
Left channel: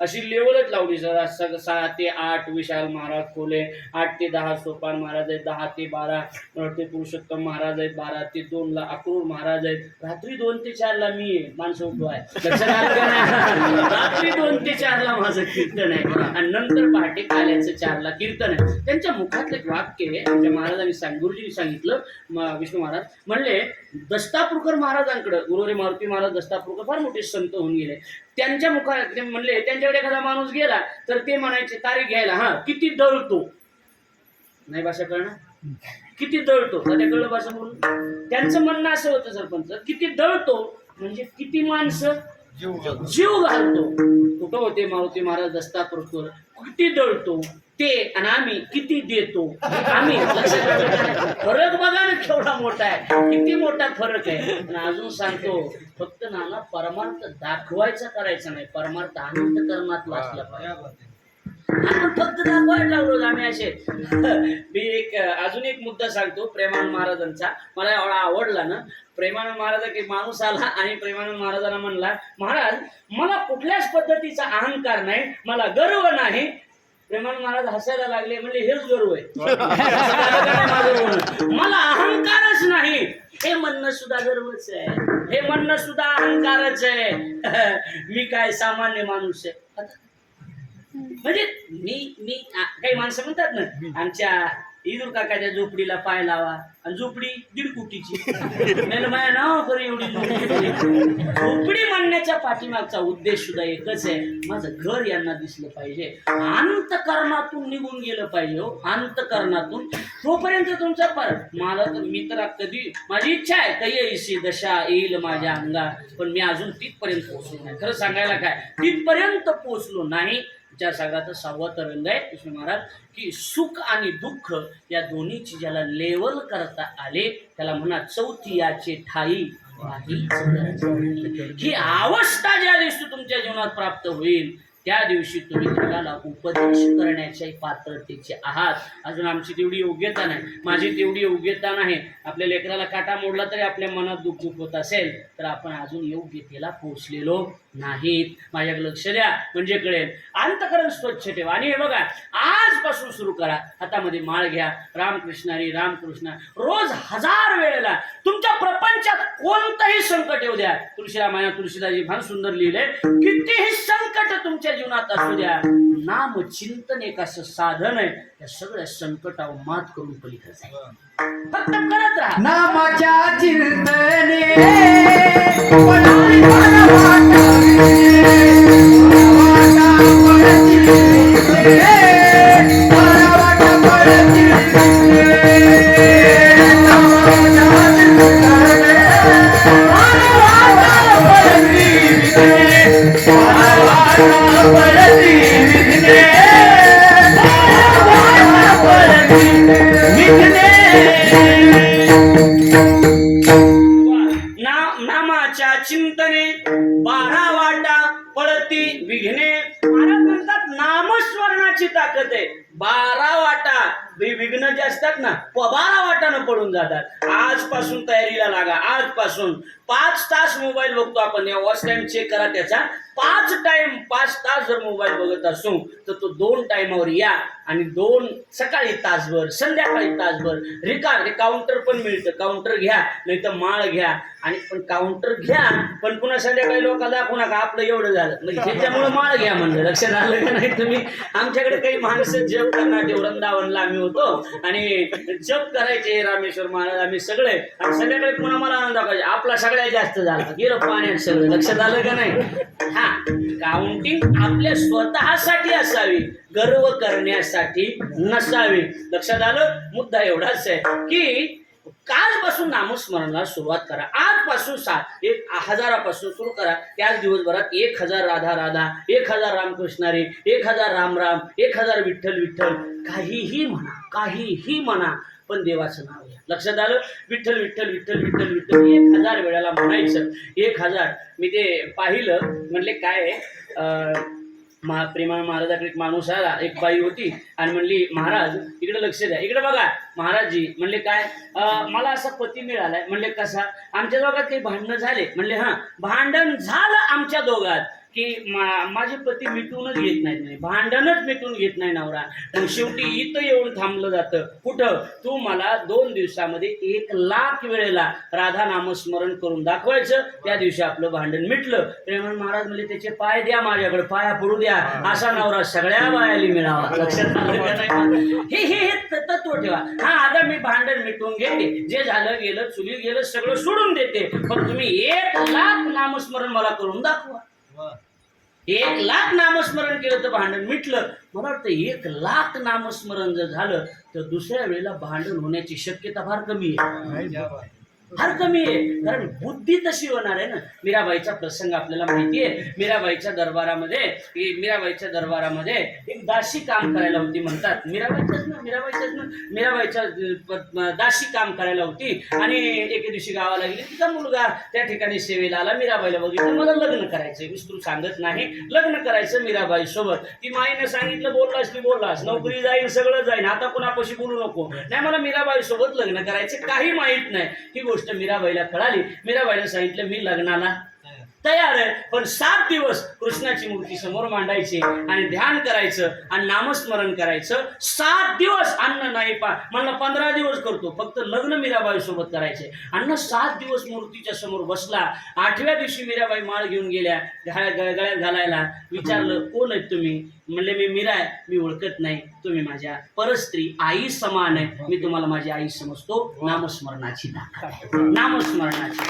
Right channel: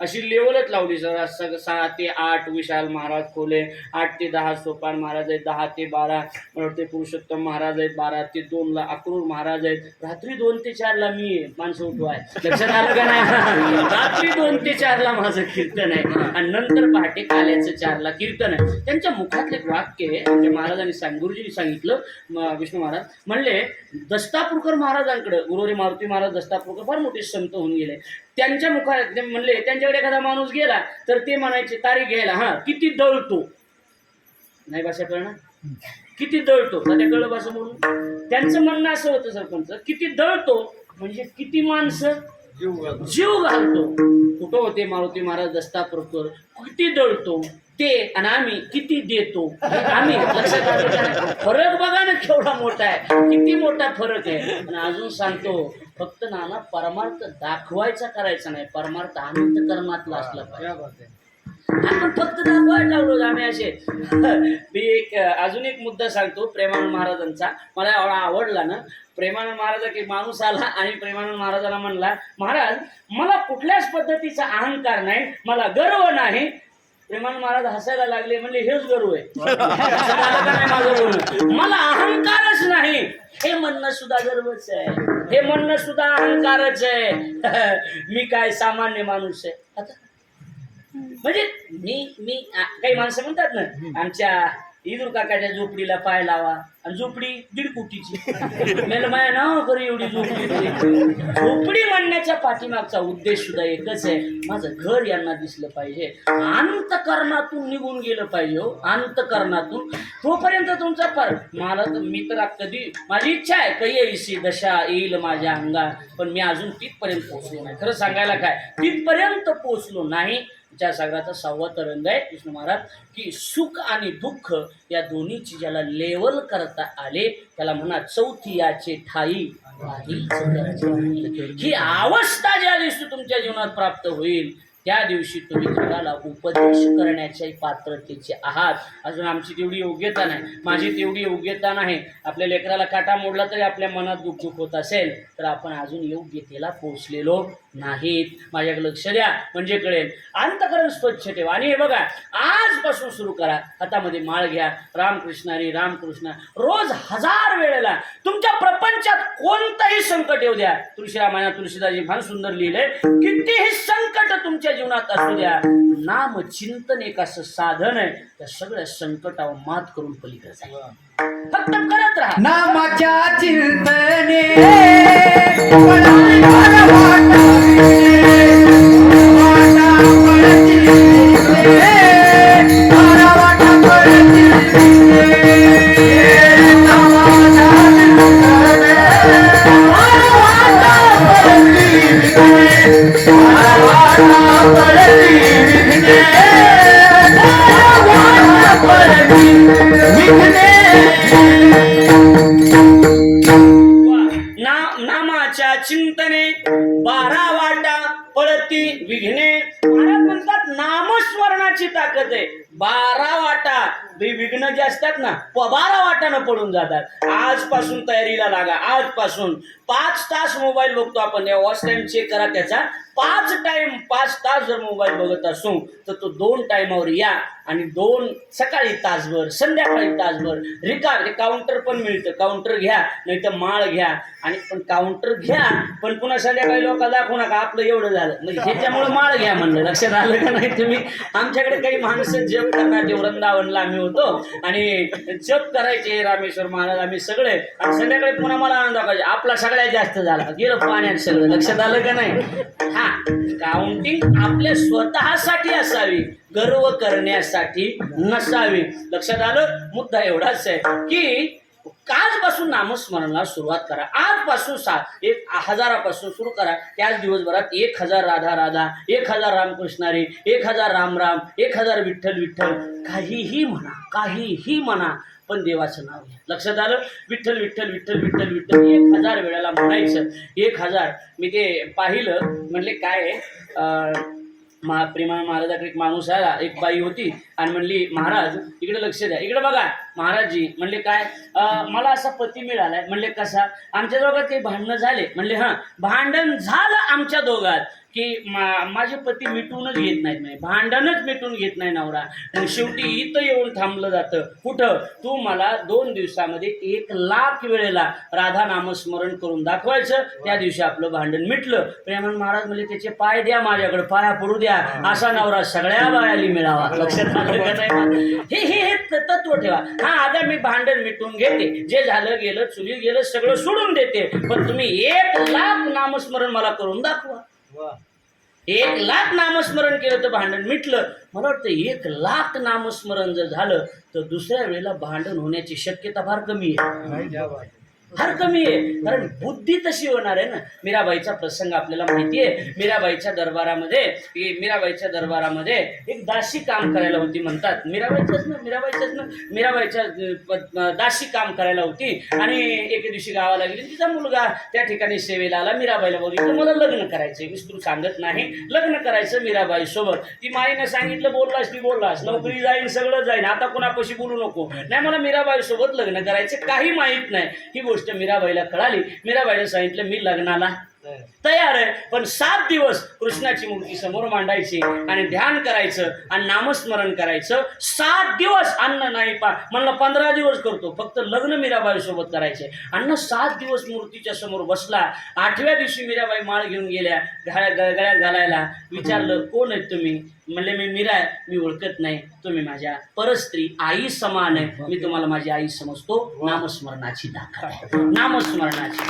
अशी लेवलच लावली. 6 ते 8 विशाल महाराज खोले, 8 ते 10 सोपान महाराज आहेत, 10 ते 12 मला वाटते पुरुषोत्तम महाराज आहेत, 12 ते 2 ला अक्रूर महाराज आहेत, रात्री 2 ते 4 ला मी माणसं उठवाय. लक्षात आलं का नाही? रात्री 2 ते 4 ला माझं कीर्तन आहे आणि नंतर पहाटे काल्याचं 4 ला कीर्तन आहे. त्यांच्या मुखातले एक वाक्य आहे, आमच्या महाराजांनी गुरुजींनी सांगितलं, विष्णू महाराज म्हणले, दस्तापूरकर महाराजांकडे, गुरुहरी मारुती महाराज दस्तापूरकर फार मोठे संत होऊन गेले. त्यांच्या मुखात म्हणले, त्यांच्याकडे एखादा माणूस गेला तर ते म्हणायचे तारीख घ्यायला, हा किती दळतो, नाही भाषा कळणार, किती दळतो, त्या कळलं भाषा म्हणून. त्यांचं म्हणणं असं होतं सरपंच, किती दळतो म्हणजे किती माणसं जीव घालतो. कुठं होते मारुती महाराज दस्तापूरकर, किती दळतो ते आणि आम्ही किती देतो. आम्ही फरक बघा ना केवढा मोठा आहे, किती मोठा फरक आहे. आणि अजून सांगतो, फक्त नाना परमार्थ दाखवायचा करायचा नाही, परमार्थ अंतकरणातला असला पाहिजे. आपण फक्त दाखवायला लागलो आम्ही असे. मी एक अजून एक मुद्दा सांगतो प्रेमानंद महाराजांचा, मला एवढा आवडला ना. प्रेमानंद महाराज की माणूस आला आणि प्रेमानंद महाराजांना म्हणला, महाराज मला कुठल्याच पद्धतीचा अहंकार नाही, मला गर्व नाही. प्रेमानंद महाराज हसायला लागले, म्हणले हेच गर्व आहे. माझं बोलणं, मला अहंकारच नाही हे म्हणणं सुद्धा गर्वच आहे, हे म्हणणं सुद्धा अहंकारच आहे. मी काय सामान्य माणूस आहे. आता म्हणजे मी काही माणसं म्हणतात ना, आमच्या इदूर काकाच्या झोपडीला पाय लावा, आणि झोपडी 1.5 कोटीची. मला माया नाव करू एवढी झोपडी म्हणण्याच्या पाठीमागचा उद्देश सुद्धा एकच आहे, माझं घर यांना दिसलं पाहिजे, अंतकरणातून निघून गेलं पाहिजे. हो, अंतकरणातून. तोपर्यंत तुमचा पर मला तर मी तर कधी माझी इच्छा आहे काही येईशी दशा येईल माझ्या अंगात, पण मी अजून तिथपर्यंत पोहोचलो नाही. खरं सांगायला काय, तिथपर्यंत पोहोचलो नाही. त्या सागराचा 6वा तरंग आहे कृष्ण महाराज, की सुख आणि दुःख या दोन्हीची ज्याला लेवल करता आले त्याला म्हणा चौथी याचे ठाई ही अवस्था ज्या दिवशी तुमच्या जीवनात प्राप्त होईल त्या दिवशी तुम्ही जगाला उपदेश करण्याच्या पात्रतेचे आहात. अजून आमची तेवढी योग्यता नाही, माझी तेवढी योग्यता नाही. आपल्या लेकराला काटा मोडला तरी आपल्या मनात दुःख होत असेल तर आपण अजून योग्यतेला पोहोचलेलो नाहीत. माझ्याकडे लक्ष द्या म्हणजे कळेल. अंतकरण स्वच्छ ठेवा. आणि हे बघा, आजपासून सुरू करा. हातामध्ये माळ घ्या, रामकृष्ण हरी रामकृष्ण रोज 1000 वेळेला. तुमच्या प्रपंचात कोणतंही संकट येऊ द्या, तुळशीरामायणात तुळशीदासजी फार सुंदर लिहिलंय, कितीही संकट तुमच्या जीवनात असू द्या, नाम चिंतन एक असं साधन आहे, त्या सगळ्या संकटावर मात करून पलीकडे जाईल. फक्त करत राहा नामाच्या चिंतने. नामाच्या चिंतने 12 वाटा पडती विघ्ने. महाराज म्हणतात नामस्मरणाची ताकद आहे. 12 वाटा विघ्न जे असतात ना 12 वाटानं पडून जातात. आजपासून तयारीला लागा. आजपासून 5 तास मोबाईल बघतो आपण, या वॉच टाइम चेक करा त्याचा. 5 तास जर मोबाईल बघत असू तर तो 2 टाइमावर या, आणि 2 सकाळी तासभर, संध्याकाळी तासभर. रिकाम काउंटर पण मिळतं, काउंटर घ्या, नाही तर माळ घ्या. आणि पण काउंटर घ्या पण पुन्हा संध्याकाळी लोकांना दाखवू नका आपलं एवढं झालं, म्हणजे ह्याच्यामुळे माळ घ्या म्हणलं. लक्षात आलं का नाही तुम्ही? आमच्याकडे काही माणसं जप करणारे वृंदावनला आम्ही होतो आणि जप करायचे रामेश्वर महाराज आम्ही सगळे, आणि संध्याकाळी पुन्हा मला आनंद दाखवायचे आपला सगळ्यात जास्त झाला, गेलो पाण्यात सगळं. लक्षात आलं का नाही? हा, काउंटिंग आपल्या स्वतःसाठी असावी, गर्व करण्यासाठी नसावी. लक्षात आलं? मुद्दा एवढाच आहे की आजपासून नामस्मरणाला सुरुवात करा. आजपासून 1000पासून सुरू करा. त्याच दिवसभरात 1000 राधा राधा, 1000 रामकृष्ण हरी, 1000 राम राम, 1000 विठ्ठल विठ्ठल, काहीही म्हणा, काहीही म्हणा, पण देवाचं नाव घ्या. लक्षात आलं? विठ्ठल विठ्ठल विठ्ठल विठ्ठल विठ्ठल 1000 वेळेला म्हणायचं. 1000 मी ते पाहिलं, म्हणले काय आहे, प्रेमानंद महाराजाकडे एक माणूस आला, एक बाई होती आणि म्हणली महाराज इकडे लक्ष द्या, इकडे बघा महाराजजी. म्हणले काय, मला असा पती मिळालाय. म्हणले कसा? आमच्या दोघात काही भांडणं झाले. म्हणले हां, भांडण झालं आमच्या दोघात की माझे पती मिटूनच घेत नाहीत, नाही भांडणच मिटून घेत नाही नवरा. मग शेवटी इथं येऊन थांबलं जातं. कुठं? तू मला 2 दिवसामध्ये 1,00,000 वेळेला राधा नामस्मरण करून दाखवायचं, त्या दिवशी आपलं भांडण मिटलं. प्रेमानंद महाराज म्हणले त्याचे पाय द्या, माझ्याकडे पाया पडू द्या, असा नवरा सगळ्या बायाली मिळावा. लक्षात आलं का नाही? हे तत्व ठेवा. हा, आता मी भांडण मिटून घेते, जे झालं गेलं, चुलीत गेलं, सगळं सोडून देते, पण तुम्ही 1,00,000 नामस्मरण मला करून दाखवा. 1,00,000 नामस्मरण केलं तर भांडण मिटलं. मला वाटतं 1,00,000 नामस्मरण जर झालं तर दुसऱ्या वेळेला भांडण होण्याची शक्यता फार कमी आहे. फार कमी आहे. कारण बुद्धी तशी होणार आहे ना. मीराबाईचा प्रसंग आपल्याला माहिती आहे. मीराबाईच्या दरबारामध्ये एक दासी काम करायला होती म्हणतात. मीराबाईच्या दासी काम करायला होती आणि एके दिवशी गावाला गेली. तिचा मुलगा त्या ठिकाणी सेवेला आला. मीराबाईला बघितलं, मला लग्न करायचं, विस्तृत सांगत नाही, लग्न करायचं मीराबाई सोबत. ती माईने सांगितलं, बोललास नोकरी जाईल, सगळं जाईल, आता कोणापाशी बोलू नको. नाही, मला मीराबाई सोबत लग्न करायचे, काही माहित नाही. ही गोष्ट मीराबाईला कळाली. मीराबाईने सांगितलं, मी लग्नाला तयार आहे, पण 7 दिवस कृष्णाची मूर्ती समोर मांडायची आणि ध्यान करायचं आणि नामस्मरण करायचं. 7 दिवस अन्न नाही म्हणलं 15 दिवस करतो, फक्त लग्न मीराबाई सोबत करायचे. अन्न 7 दिवस मूर्तीच्या समोर बसला. 8व्या दिवशी मीराबाई माळ घेऊन गेल्या गळ्यात घालायला. विचारलं, कोण आहेत तुम्ही? म्हणले, मी मीरा आहे, मी ओळखत नाही, तुम्ही माझ्या परस्त्री आई समान आहे, मी तुम्हाला माझी आई समजतो. नामस्मरणाची ताकद आहे, नामस्मरणाची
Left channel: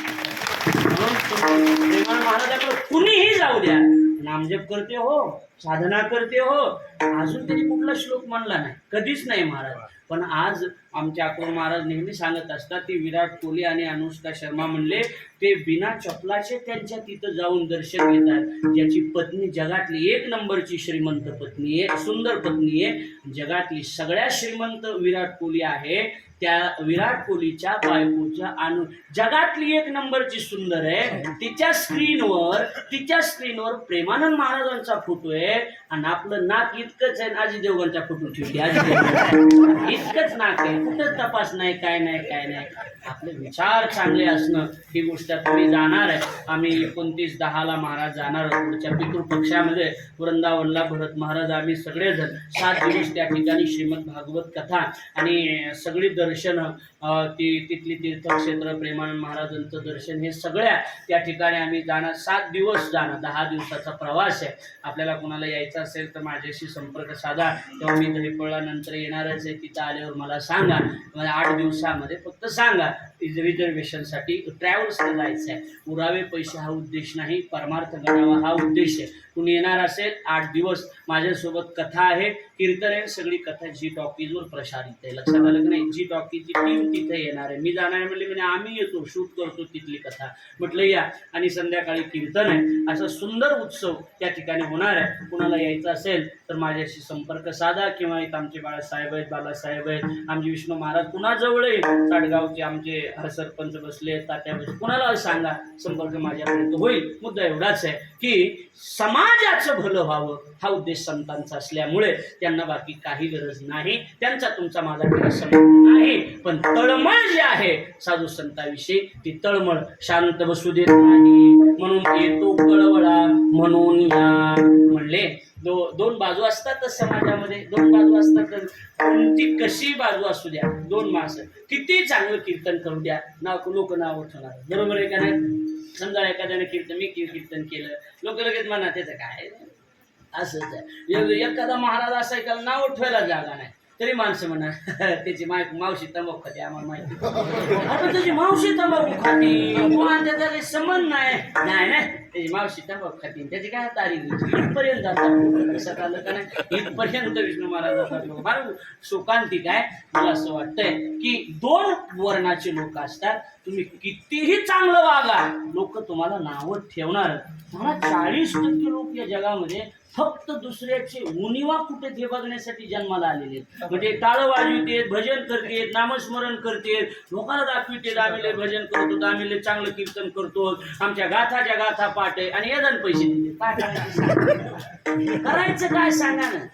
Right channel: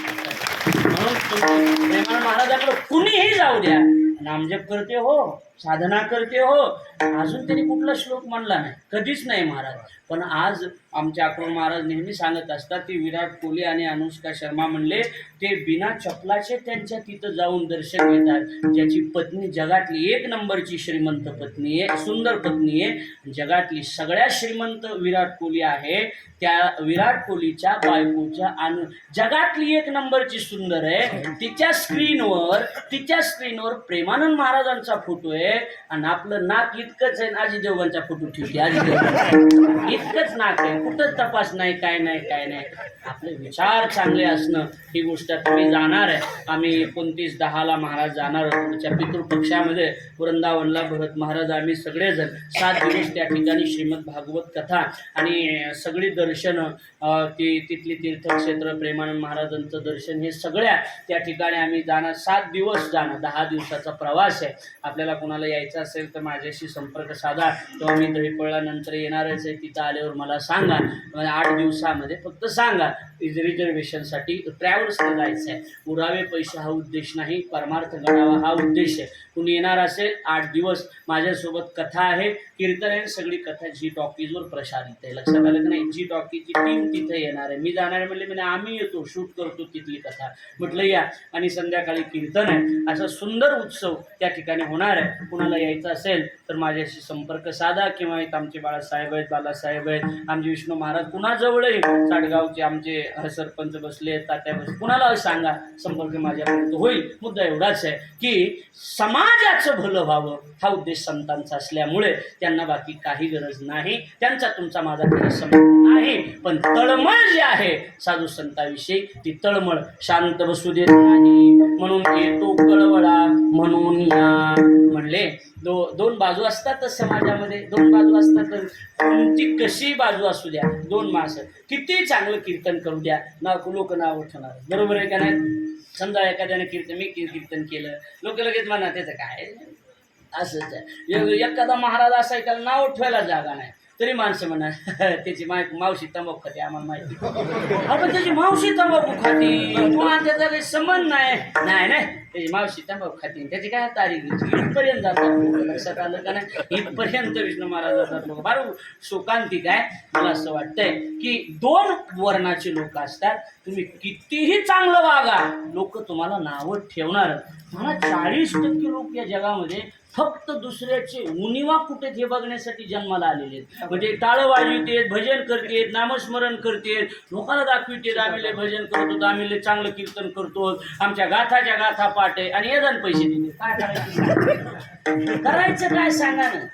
म्हणून प्रेमानंद महाराजाकडे कुणीही जाऊ द्या, नामजप करते हो, साधना करते हो. अजून त्यांनी कुठला श्लोक म्हणला नाही, कधीच नाही महाराज. पण आज आमच्या अक्रोड महाराज नेहमी सांगत असतात, ते विराट कोहली आणि अनुष्का शर्मा म्हणले, ते बिना चपलाचे त्यांच्या तिथं जाऊन दर्शन घेतात. ज्याची पत्नी जगातली 1 नंबरची श्रीमंत पत्नी आहे, सुंदर पत्नी आहे, जगातली सगळ्यात श्रीमंत विराट कोहली आहे. त्या विराट कोहलीच्या बायकोच्या जगातली 1 नंबरची सुंदर आहे. तिच्या स्क्रीनवर प्रेमानंद महाराजांचा फोटो आहे आणि आपलं नाक इतकंच आहे. अजय देवगणचा फोटो ठेवली, अजय देवगण इतकंच नाक आहे, कुठंच तपास नाही, काय नाही. आपले विचार चांगले असणं ही गोष्ट. तुम्ही जाणार आहे, आम्ही 29/10 महाराज जाणार आहोत पुढच्या पितृपक्षामध्ये वृंदावनला. भरत महाराज, आम्ही सगळेजण 7 दिवस त्या ठिकाणी श्रीमद भागवत कथा आणि सगळी दर्शनं, तिथली तीर्थक्षेत्र, प्रेमानंद महाराजांचं दर्शन, हे सगळ्या त्या ठिकाणी आम्ही जाणार. 7 दिवस जाणार, 10 दिवसाचा प्रवास आहे. आपल्याला कोणाला यायचं असेल तर माझ्याशी संपर्क साधा, किंवा मी दहीपळानंतर येणारच आहे, तिथं आल्यावर मला सांगा. 8 दिवसामध्ये फक्त सांगा. रिझर्वेशनसाठी ट्रॅव्हल्सला जायचं आहे. उरावे पैसे हा उद्देश नाही, परमार्थ घडावा हा उद्देश आहे. कुणी येणार असेल, 8 दिवस माझ्यासोबत कथा आहे, कीर्तन आहे. सगळी कथा जी टॉकीजवर प्रसारित आहे. लक्षात आलं की नाही? जी टॉकीजची टीम तिथे येणार आहे. मी जाणार म्हणले, मी आम्ही येतो, शूट करतो तिथली कथा. म्हटलं या. आणि संध्याकाळी कीर्तन आहे. असा सुंदर उत्सव त्या ठिकाणी होणार आहे. कुणाला यायचं असेल तर माझ्याशी संपर्क साधा, किंवा एक आमचे बाळासाहेब आहेत, आमचे विष्णू महाराज कुणाजवळही, साडगावचे आमचे सरपंच बसले, तात्या बसले, कुणाला सांगा, संपर्क माझ्यापर्यंत होईल. मुद्दा एवढाच आहे की समाजाचं भलं व्हावं हा उद्देश संतांचा असल्यामुळे त्यांना बाकी काही गरज नाही. त्यांचा तुमचा माझा काही संबंध नाही. पण तळमळ जी आहे साधू संतांविषयी, ती तळमळ शांत बसू देत नाही. म्हणून येतो कळवळा म्हणून या म्हणले. 2 बाजू असतात समाजामध्ये, 2 बाजू असतात. कोणती कशी बाजू असू द्या, 2 माणसं किती चांगलं कीर्तन करू द्या, लोक नाव उठवणार. बरोबर आहे का नाही? समजा एखाद्याने मी कीर्तन केलं, लोक लगेच म्हणा त्याचं काय असंच आहे. एखादा महाराज असा आहे, त्याला नाव उठवायला जागा नाही, तरी माणसं म्हणा त्याची मावशी तंबाखू खाते, आम्हाला माहिती. अरे त्याची मावशी तंबाखू खाती, तुम्हाला त्याचा काही संबंध नाही. त्याची मावशी तंबाखू खाती, त्याची काय तारीख इथपर्यंत जातात. लक्षात आलं का नाही? इथपर्यंत विष्णू महाराज जातात लोक. फार शोकांतिक आहे. मला असं वाटतंय की 2 वर्णाचे लोक असतात. तुम्ही कितीही चांगलं वागा, लोक तुम्हाला नावं ठेवणार. मला 40% लोक या जगामध्ये फक्त दुसऱ्याचे उणिवा कुठे हे बघण्यासाठी जन्माला आलेले आहेत. म्हणजे टाळं वाजवितेत, भजन करतेत, नामस्मरण करतेत, लोकांना दाखवितेत, आम्ही लय भजन करतो, आम्ही लय चांगलं कीर्तन करतो, आमच्या गाथा पाठ आहे, आणि येदान पैसे देते. काय करायचं काय सांगा ना?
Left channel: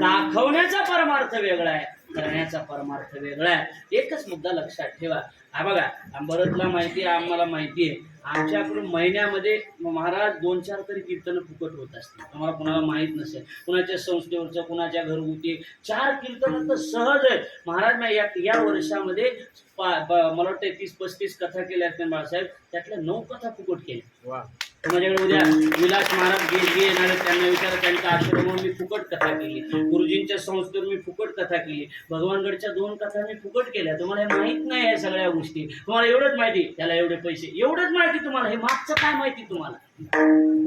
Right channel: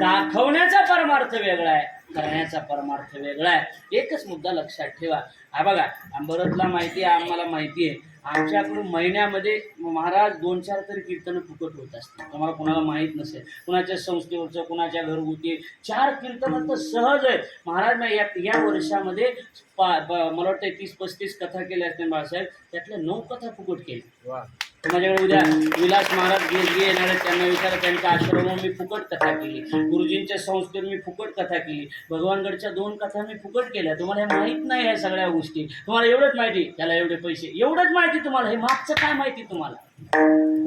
दाखवण्याचा परमार्थ वेगळा आहे, करण्याचा परमार्थ वेगळा आहे. एकच मुद्दा लक्षात ठेवा. हा बघा, भरतला माहिती आहे, आम्हाला माहिती आहे, आमच्याकडून महिन्यामध्ये महाराज 2-4 तरी कीर्तन फुकट होत असतात. तुम्हाला कोणाला माहीत नसेल, कुणाच्या संस्थेवरचं, कुणाच्या घरगुती 4 कीर्तन तर सहज आहेत. महाराज या वर्षामध्ये मला वाटतं 30-35 कथा केल्या असतील बाळासाहेब, त्यातल्या 9 कथा फुकट केल्या. माझ्याकडे उद्या विलास महाराज येणार आहेत, त्यांना विचारा, त्यांच्या आश्रमावर मी फुकट कथा केली, गुरुजींच्या संस्थेवर मी फुकट कथा केली, भगवानगडच्या 2 कथा मी फुकट केल्या. तुम्हाला हे माहीत नाही ह्या सगळ्या गोष्टी. तुम्हाला एवढंच माहिती, त्याला एवढे पैसे, एवढंच माहिती तुम्हाला. हे मागचं काय माहिती तुम्हाला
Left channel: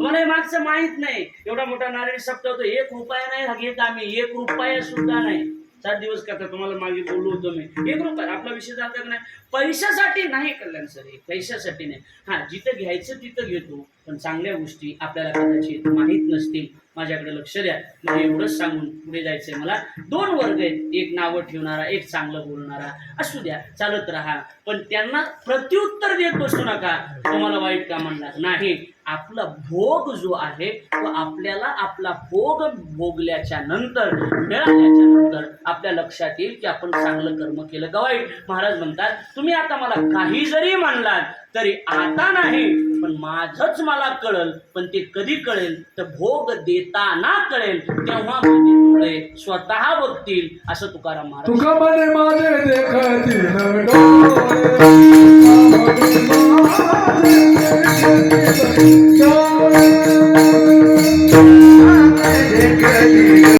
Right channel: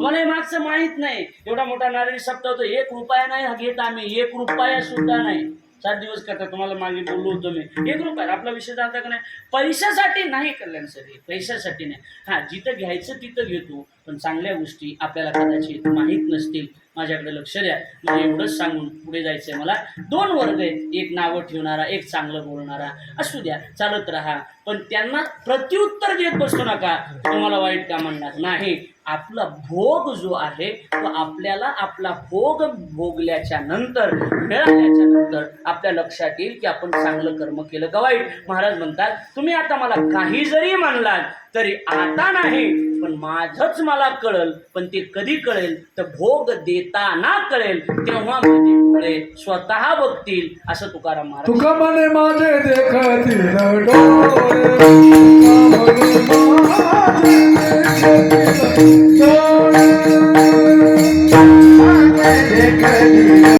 हे मागचं माहीत नाही. एवढा मोठा नारायण सप्ताह होतो, 1 रुपया नाही घेत आम्ही, 1 रुपया सुद्धा नाही. 4 दिवस करता तुम्हाला मागे बोललो होतो मी 1 रुपया आपला विषय झाला का नाही. पैशासाठी नाही कल्याण सर, हे पैशासाठी नाही. हा, जिथं घ्यायचं तिथं घेतो, पण चांगल्या गोष्टी आपल्याला कदाचित माहीत नसतील. माझ्याकडे लक्ष द्या. म्हणजे एवढंच सांगून पुढे जायचंय मला. 2 वर्ग आहेत, एक नावं ठेवणारा, एक चांगलं बोलणारा. असू द्या, चालत राहा, पण त्यांना प्रत्युत्तर देत बसू नका. तुम्हाला वाईट का म्हणणार नाही. आपला भोग जो आहे तो आपल्याला आपला भोग भोगल्याच्या नंतर, मिळाल्याच्या नंतर आपल्या लक्षात येईल की आपण चांगलं कर्म केलं का वाईट. महाराज म्हणतात तुम्ही आता मला काही जरी म्हणलात तरी आता नाही, पण माझंच मला कळल. पण ते कधी कळेल तर भोग देताना कळेल, तेव्हा माझे डोळे स्वतः बघतील, असं तुकाराम महाराज. तुका म्हणे माझे देखतील डोळे